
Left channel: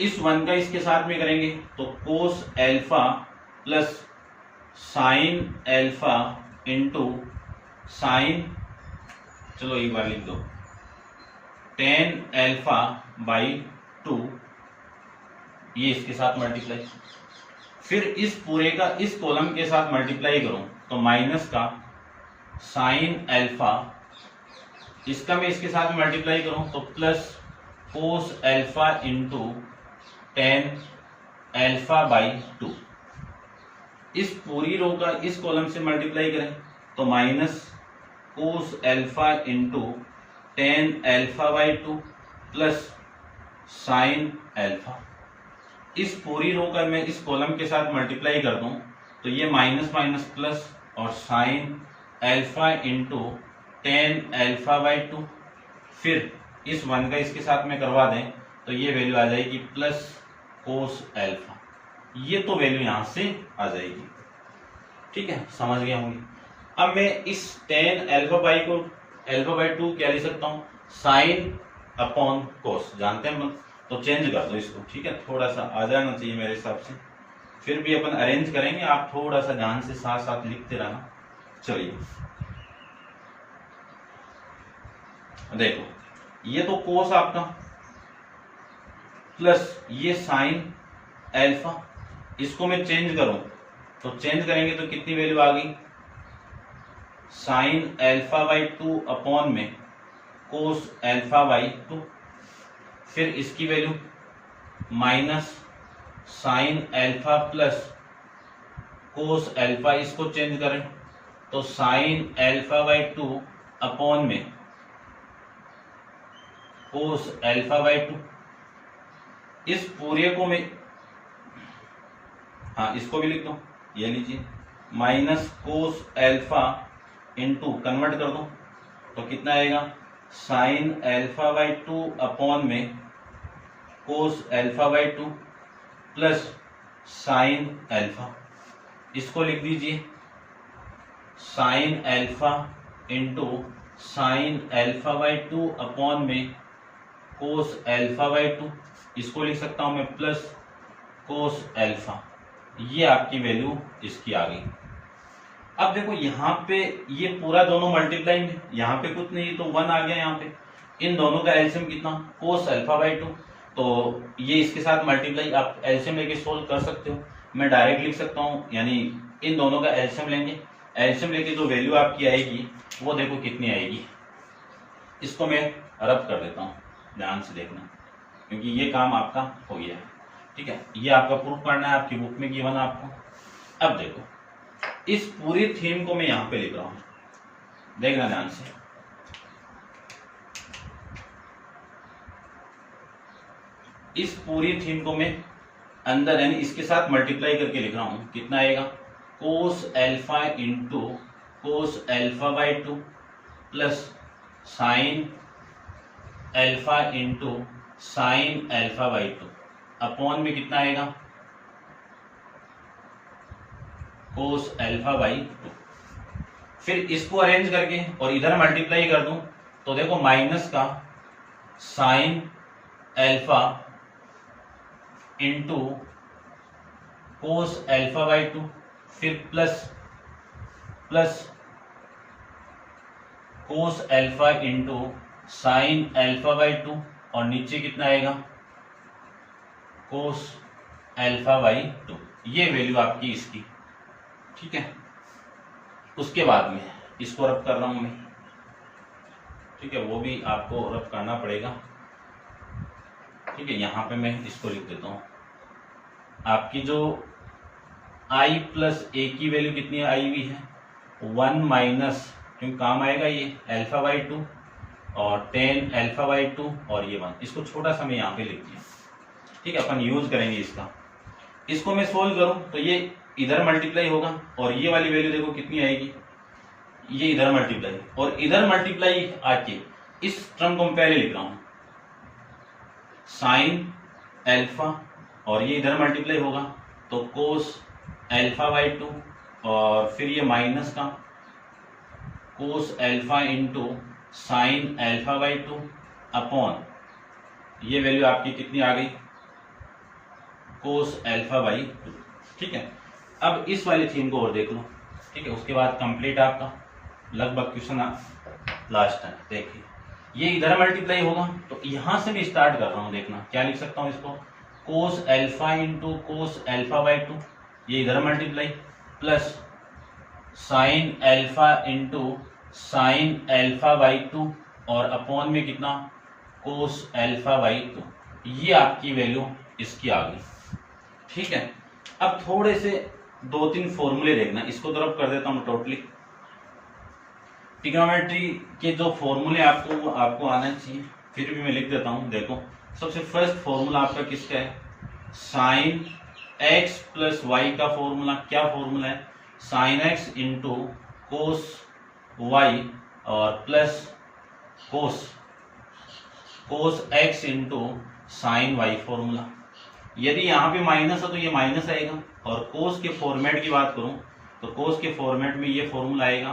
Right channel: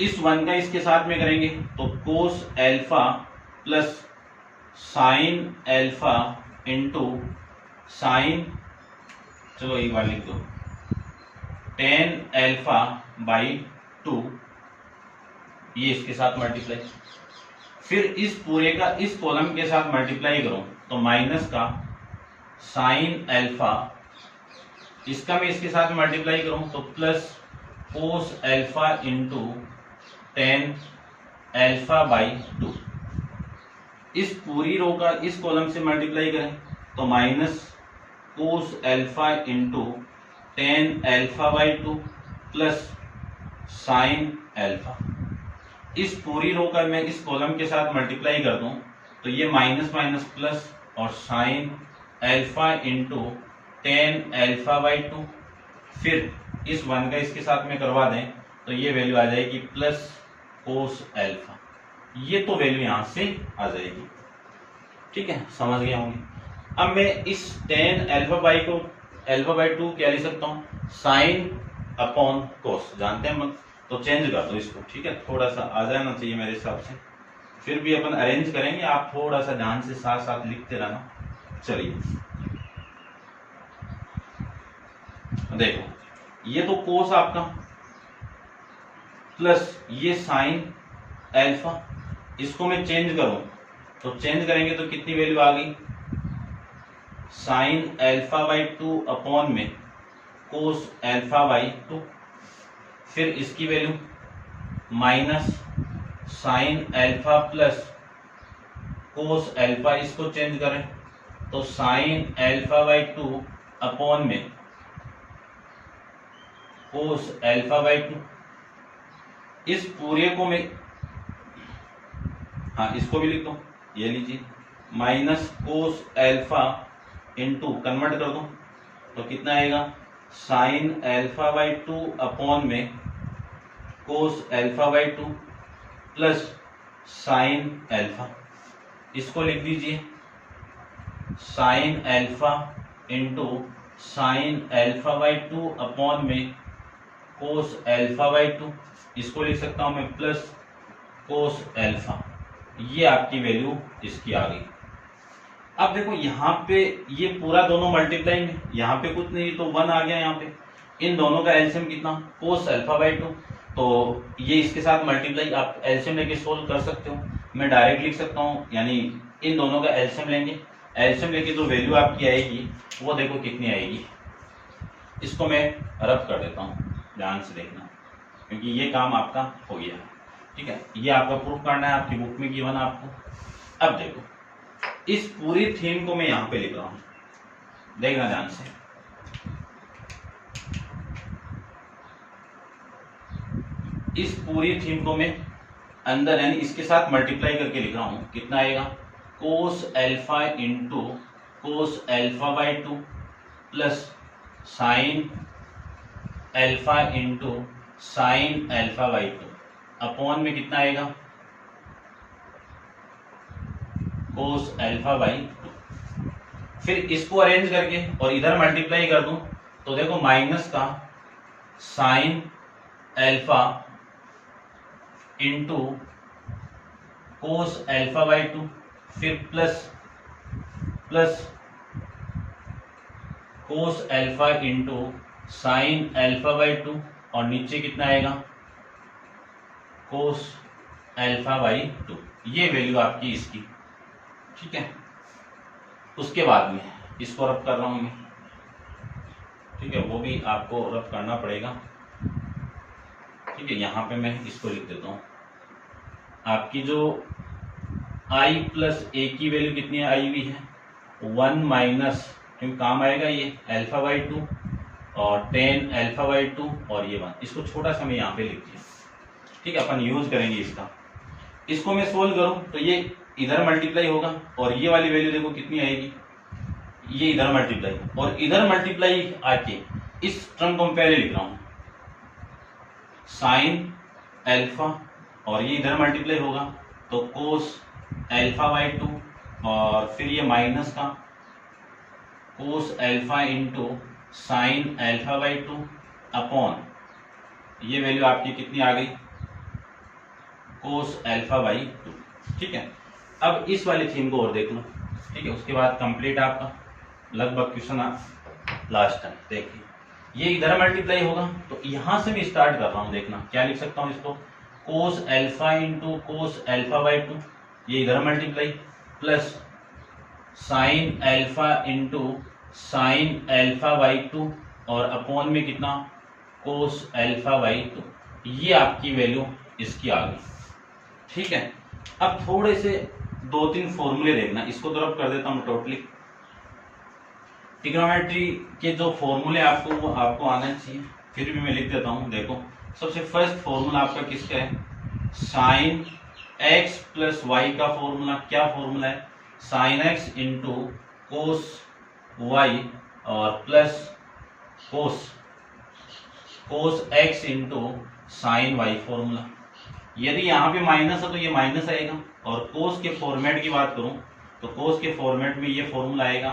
इस 1 का इसके साथ में करेंगे तो कोस alpha plus sine alpha into sine, चलो एक बार लिख दो, 10 एल्फा बाई 2, ये इसके साथ मल्टीप्लाई। फिर इस पूरे का इस कॉलम के साथ मल्टीप्लाई करूं तो माइनस का साइन एल्फा, इसका मैं इसके साथ मल्टीप्लाई करूं तो plus cos alpha into 10 alpha by 2। इस पूरी रो का इस कॉलम से मल्टीप्लाई करें तो minus cos alpha into 10 alpha by 2 plus sine alpha. इस पूरी रो का मैं इस कॉलम के साथ मल्टीप्लाई कर दूं तो ये माइनस माइनस प्लस और sine alpha into 10 alpha by 2। फिर इस 1 का इसके साथ में करवा दें तो ये वैल्यू आ जाएगी प्लस कोस एल्फा, ये तो वैल्यू यहां से आ जाएगी। ठीक है, समझ गया होंगे। अब मैं इस 10 एल्फा बाई को एल्फा बाई 2 क्या लिख सकता हूँ, साइन अपॉन कोस, जानते हैं मत, तो चेंज कर दो इसको। ठीक है, थोड़ा सा आ जाना चाहिए मेरे हिसाब से, फिर भी अपन अरेंज करेंगे, आप थोड़ा सा ध्यान से साथ साथ लिखते रहना। चलिए देखो, ये तो कोस आपका प्लस ये साइन एल्फा, इसको मैं चेंज करूं तो चेंज करेंगे तो कितनी वैल्यू आ गई, साइन एल्फा बाई 2 अपॉन में कोस एल्फा बाई 2। फिर इसकी value minus sine alpha plus cos alpha, इसको चेंज करें तो साइन एल्फा बाई 2 अपॉन में कोस एल्फा बाई 2। इस पूरे को मैं, हाँ इसको भी लिख दो, ये लीजिए minus cos alpha into convert कर दो तो कितना आएगा, साइन एल्फा बाई 2 अपॉन में कोस alpha by 2 plus sine alpha, इसको लिख दीजिए sign alpha into sine alpha by 2 upon में कोस एल्फा बाई 2, इसको लिख सकता हूं मैं प्लस कोस एल्फा। ये आपकी वैल्यू इसकी आ गई। अब देखो यहाँ पे ये पूरा दोनों मल्टीप्लाई में, यहाँ पे कुछ नहीं तो 1 आ गया यहाँ पे। इन दोनों का एलसीएम कितना, कोस अल्फा बाई 2, तो ये इसके साथ मल्टीप्लाई आप एलसीएम लेके सोल्व कर सकते हो। मैं डायरेक्ट लिख सकता हूँ, यानी इन दोनों का एलसीएम लेंगे, एलसीएम लेके जो वैल्यू आपकी आएगी वो देखो कितनी आएगी। इसको मैं रब कर देता हूँ, ध्यान से देखना, क्योंकि ये काम आपका हो गया है। ठीक है, ये आपका प्रूफ करना है, आपकी बुक में गिवन आपको। अब देखो इस पूरी थीम को मैं यहां पे लिख रहा हूं, देखना ध्यान से। इस पूरी थीम को मैं अंदर यानी इसके साथ मल्टीप्लाई करके लिख रहा हूं, कितना आएगा, कोस alpha into cos alpha by 2 plus sine alpha into sine alpha by 2 upon में कितना आएगा, कोस अल्फा बाई 2। फिर इसको अरेंज करके और इधर मल्टीप्लाई कर दूं तो देखो माइनस का sine alpha into cos alpha by 2, फिर plus cos alpha into sine alpha by 2 और नीचे कितना आएगा कोस अल्फा बाई 2। ये वैल्यू आपकी इसकी, ठीक है। उसके बाद में इसको रब कर रहा हूं मैं, ठीक है, वो भी आपको रब करना पड़ेगा, ठीक है। यहां पे मैं इसको लिख देता हूं। आपकी जो i प्लस ए की वैल्यू कितनी है, आई भी है 1 माइनस, क्योंकि काम आएगा ये अल्फा बाई 2 और 10 अल्फा बाई 2 और ये 1। इसको छोटा सा मैं यहाँ पे लिख दिया, ठीक है। अपन यूज करेंगे इसका। इसको मैं सोल्व करूं तो ये इधर मल्टीप्लाई होगा और ये वाली वैल्यू देखो कितनी आएगी, ये इधर मल्टीप्लाई और इधर मल्टीप्लाई आके इस टर्म को मैं पहले लिख रहा हूं साइन अल्फा और ये इधर मल्टीप्लाई होगा तो कोस अल्फा बाई 2 और फिर ये माइनस का cos alpha into sine alpha by 2 upon ये वैल्यू आपकी कितनी आ गई कोस अल्फा बाई 2, ठीक है। अब इस वाली थीम को और देख लो, ठीक है। उसके बाद कंप्लीट आपका लगभग क्वेश्चन लास्ट है। देखिए ये इधर मल्टीप्लाई होगा तो यहां से मैं स्टार्ट कर रहा हूं, देखना क्या लिख सकता हूं इसको, cos alpha into cos alpha by 2, ये इधर multiply plus sine alpha into sine alpha by 2 और अपॉन में कितना कोस अल्फा बाई 2। ये आपकी वैल्यू इसकी आ गई, ठीक है। अब थोड़े से 2-3 फॉर्मूले देखना, इसको तो रब कर देता हूं टोटली। ट्रिग्नोमेट्री के जो फॉर्मूले आपको वो आपको आना चाहिए, फिर भी मैं लिख देता हूं। देखो सबसे फर्स्ट फॉर्मूला आपका किसका है, साइन एक्स प्लस वाई का फॉर्मूला। क्या फॉर्मूला है, sine x into cos y और plus cos x into sine y formula. यदि यहाँ पे माइनस है तो ये माइनस आएगा, और कोस के फॉर्मेट की बात करूं तो कोस के फॉर्मेट में ये फॉर्मूला आएगा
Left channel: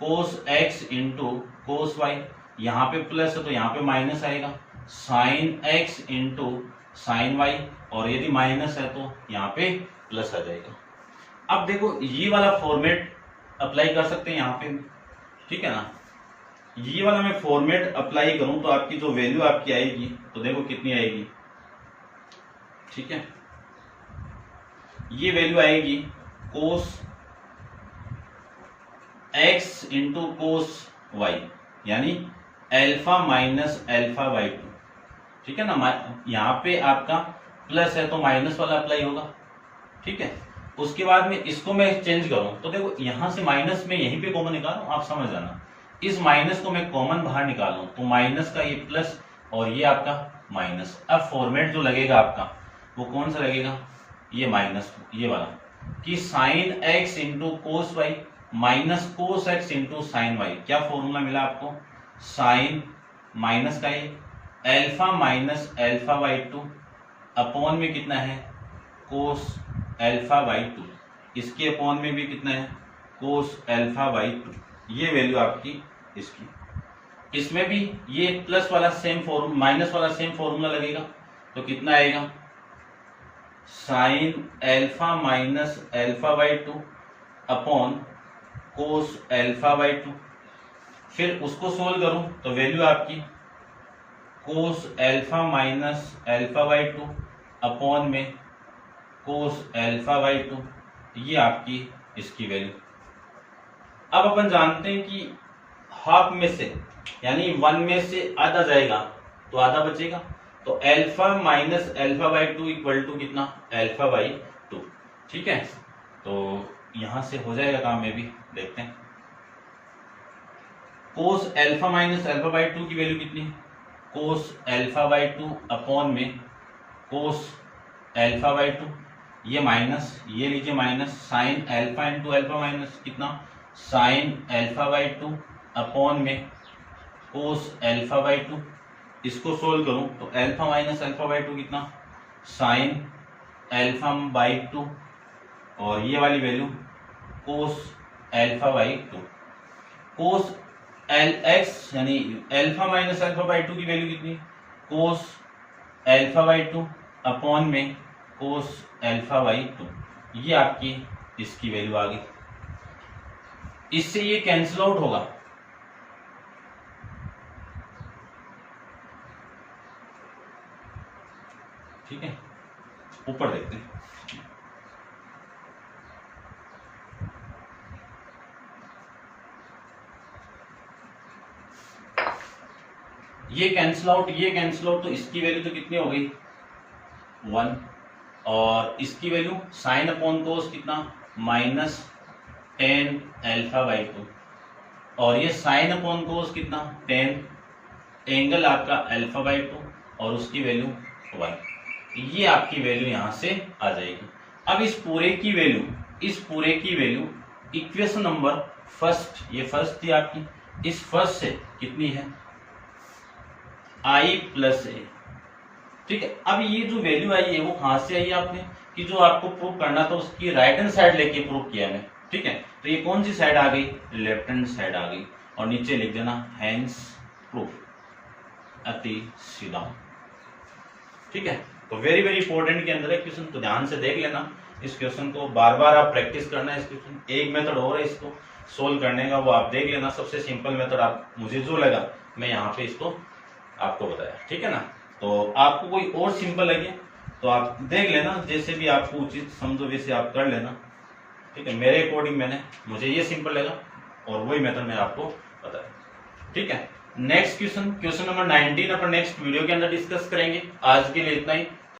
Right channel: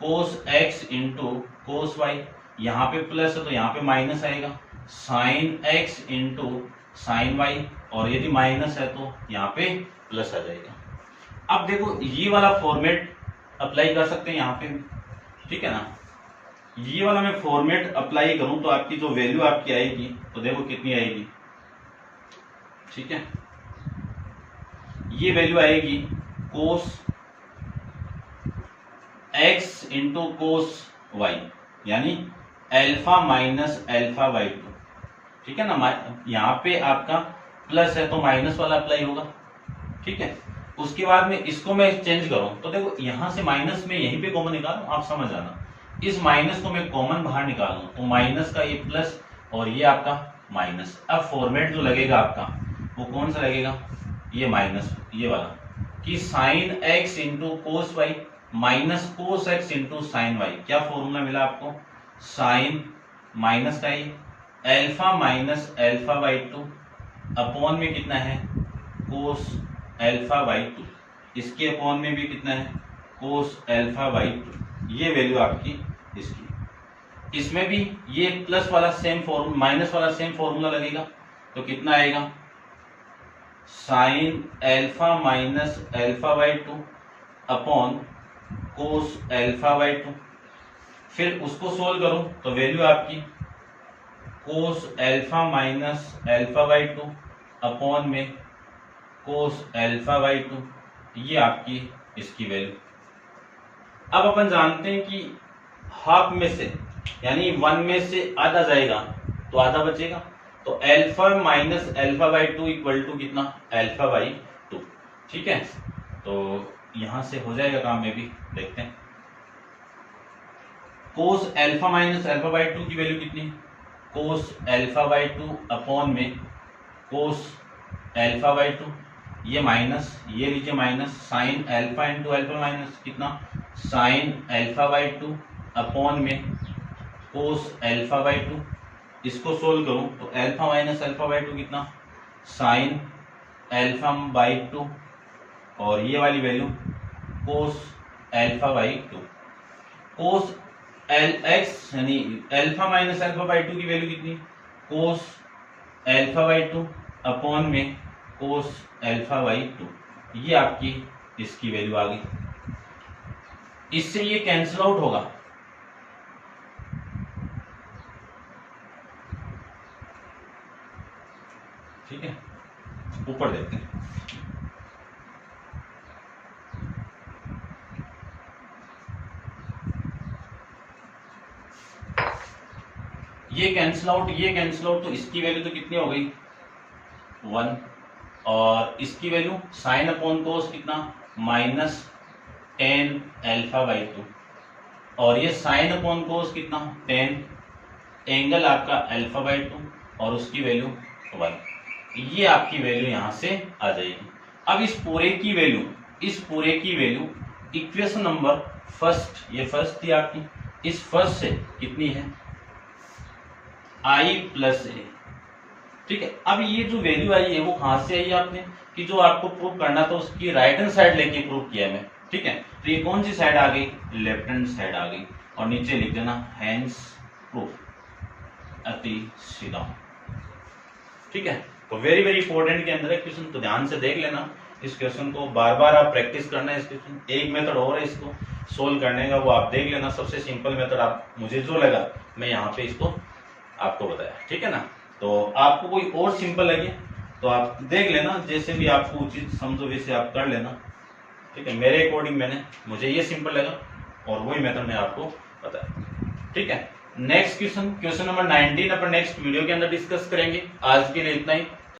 cos x into cos y. यहाँ पे प्लस है तो यहाँ पे माइनस आएगा sine x into sine y, और यदि माइनस है तो यहाँ पे प्लस आ जाएगा। अब देखो ये वाला फॉर्मेट अप्लाई कर सकते हैं यहाँ पे, ठीक है ना। ये वाला मैं फॉर्मेट अप्लाई करूं तो आपकी जो वैल्यू आपकी आएगी तो देखो कितनी आएगी, ठीक है। ये वैल्यू आएगी cos x into cos y, यानी अल्फा माइनस अल्फा बाई 2, ठीक है ना। यहाँ पे आपका प्लस है तो माइनस वाला अप्लाई होगा, ठीक है। उसके बाद में इसको मैं चेंज करूं तो देखो यहां से माइनस में यहीं पे कॉमन निकालूं, आप समझ जाना। इस माइनस को मैं कॉमन बाहर निकालूं तो माइनस का ये प्लस और ये आपका माइनस। अब फॉर्मेट जो लगेगा आपका वो कौन सा लगेगा, ये माइनस, ये वाला कि sine x into cos y minus cos x into sine y. क्या फॉर्मूला मिला आपको, साइन माइनस का ही alpha minus alpha by 2 upon में कितना है कोस अल्फा बाई 2, इसके अपॉन में भी कितना है कोस अल्फा बाई 2। ये वैल्यू आपकी इसकी। इसमें भी ये प्लस वाला सेम फॉर्मूला, माइनस वाला सेम फॉर्मूला लगेगा तो कितना आएगा sine alpha minus alpha by 2 upon cos alpha by 2। फिर उसको सोल्व करूं तो वैल्यू आपकी cos alpha minus alpha by 2 upon में कोस अल्फा बाई 2, ये आपकी इसकी वैल्यू। अब अपन जानते हैं कि हाफ में से यानी 1 में से आधा जाएगा तो आधा बचेगा, तो alpha minus alpha by 2 equal to कितना अल्फा बाई 2, ठीक है। तो यहां से हो जाएगा काम में भी, देखते हैं। Cos alpha minus alpha by 2 की वैल्यू कितनी, कोस अल्फा बाई 2 अपॉन में कोस अल्फा बाई 2, ये माइनस, ये लीजिए minus, sine alpha into alpha minus कितना साइन अल्फा बाई 2 अपॉन में कोस अल्फा बाई 2। इसको सोल्व करूं तो अल्फा माइनस अल्फा बाई 2 कितना साइन अल्फा बाई 2, और ये वाली value cos alpha by 2। Cos L x यानी अल्फा माइनस अल्फा बाई 2 की वैल्यू कितनी, कोस अल्फा बाई 2 अपॉन में कोस अल्फा बाई 2, ये आपकी इसकी वैल्यू आ गई। इससे ये कैंसिल आउट होगा, ठीक है, ऊपर देखते हैं। ये कैंसिल आउट, ये कैंसिल आउट, तो इसकी वैल्यू तो कितनी हो गई 1, और इसकी वैल्यू साइन अपॉन कोस कितना माइनस टेन अल्फा बाई 2, और ये साइन अपॉन कोस कितना 10, एंगल आपका अल्फा बाई 2 और उसकी वैल्यू 1, ये आपकी वैल्यू यहां से आ जाएगी। अब इस पूरे की वैल्यू इक्वेशन नंबर फर्स्ट, ये फर्स्ट थी आपकी, इस फर्स्ट से कितनी है i प्लस ए, ठीक है। अब ये जो वैल्यू आई है वो कहां से आई है आपने, कि जो आपको प्रूव करना था उसकी राइट हैंड साइड लेके प्रूव किया मैं, ठीक है। तो ये कौन सी साइड आ गई, लेफ्ट हैंड साइड आ गई, और नीचे लिख देना हैंस प्रूफ, अति सीधा, ठीक है। तो वेरी वेरी इंपॉर्टेंट के अंदर है क्वेश्चन, तो ध्यान से देख लेना इस क्वेश्चन को, बार बार आप प्रैक्टिस करना है इस क्वेश्चन। एक मेथड और है इसको सोल्व करने का, वो आप देख लेना, सबसे सिंपल मेथड आप मुझे जो लगा मैं यहाँ पे इसको आपको बताया, ठीक है ना। तो आपको कोई और सिंपल लगे तो आप देख लेना, जैसे भी आपको उचित समझो वैसे आप कर लेना, ठीक है। मेरे अकॉर्डिंग मुझे ये सिंपल लगा और वही मेथड मैं आपको बताया, ठीक है। नेक्स्ट क्वेश्चन नंबर 19 अपन नेक्स्ट वीडियो के अंदर डिस्कस करेंगे। आज के लिए इतना ही।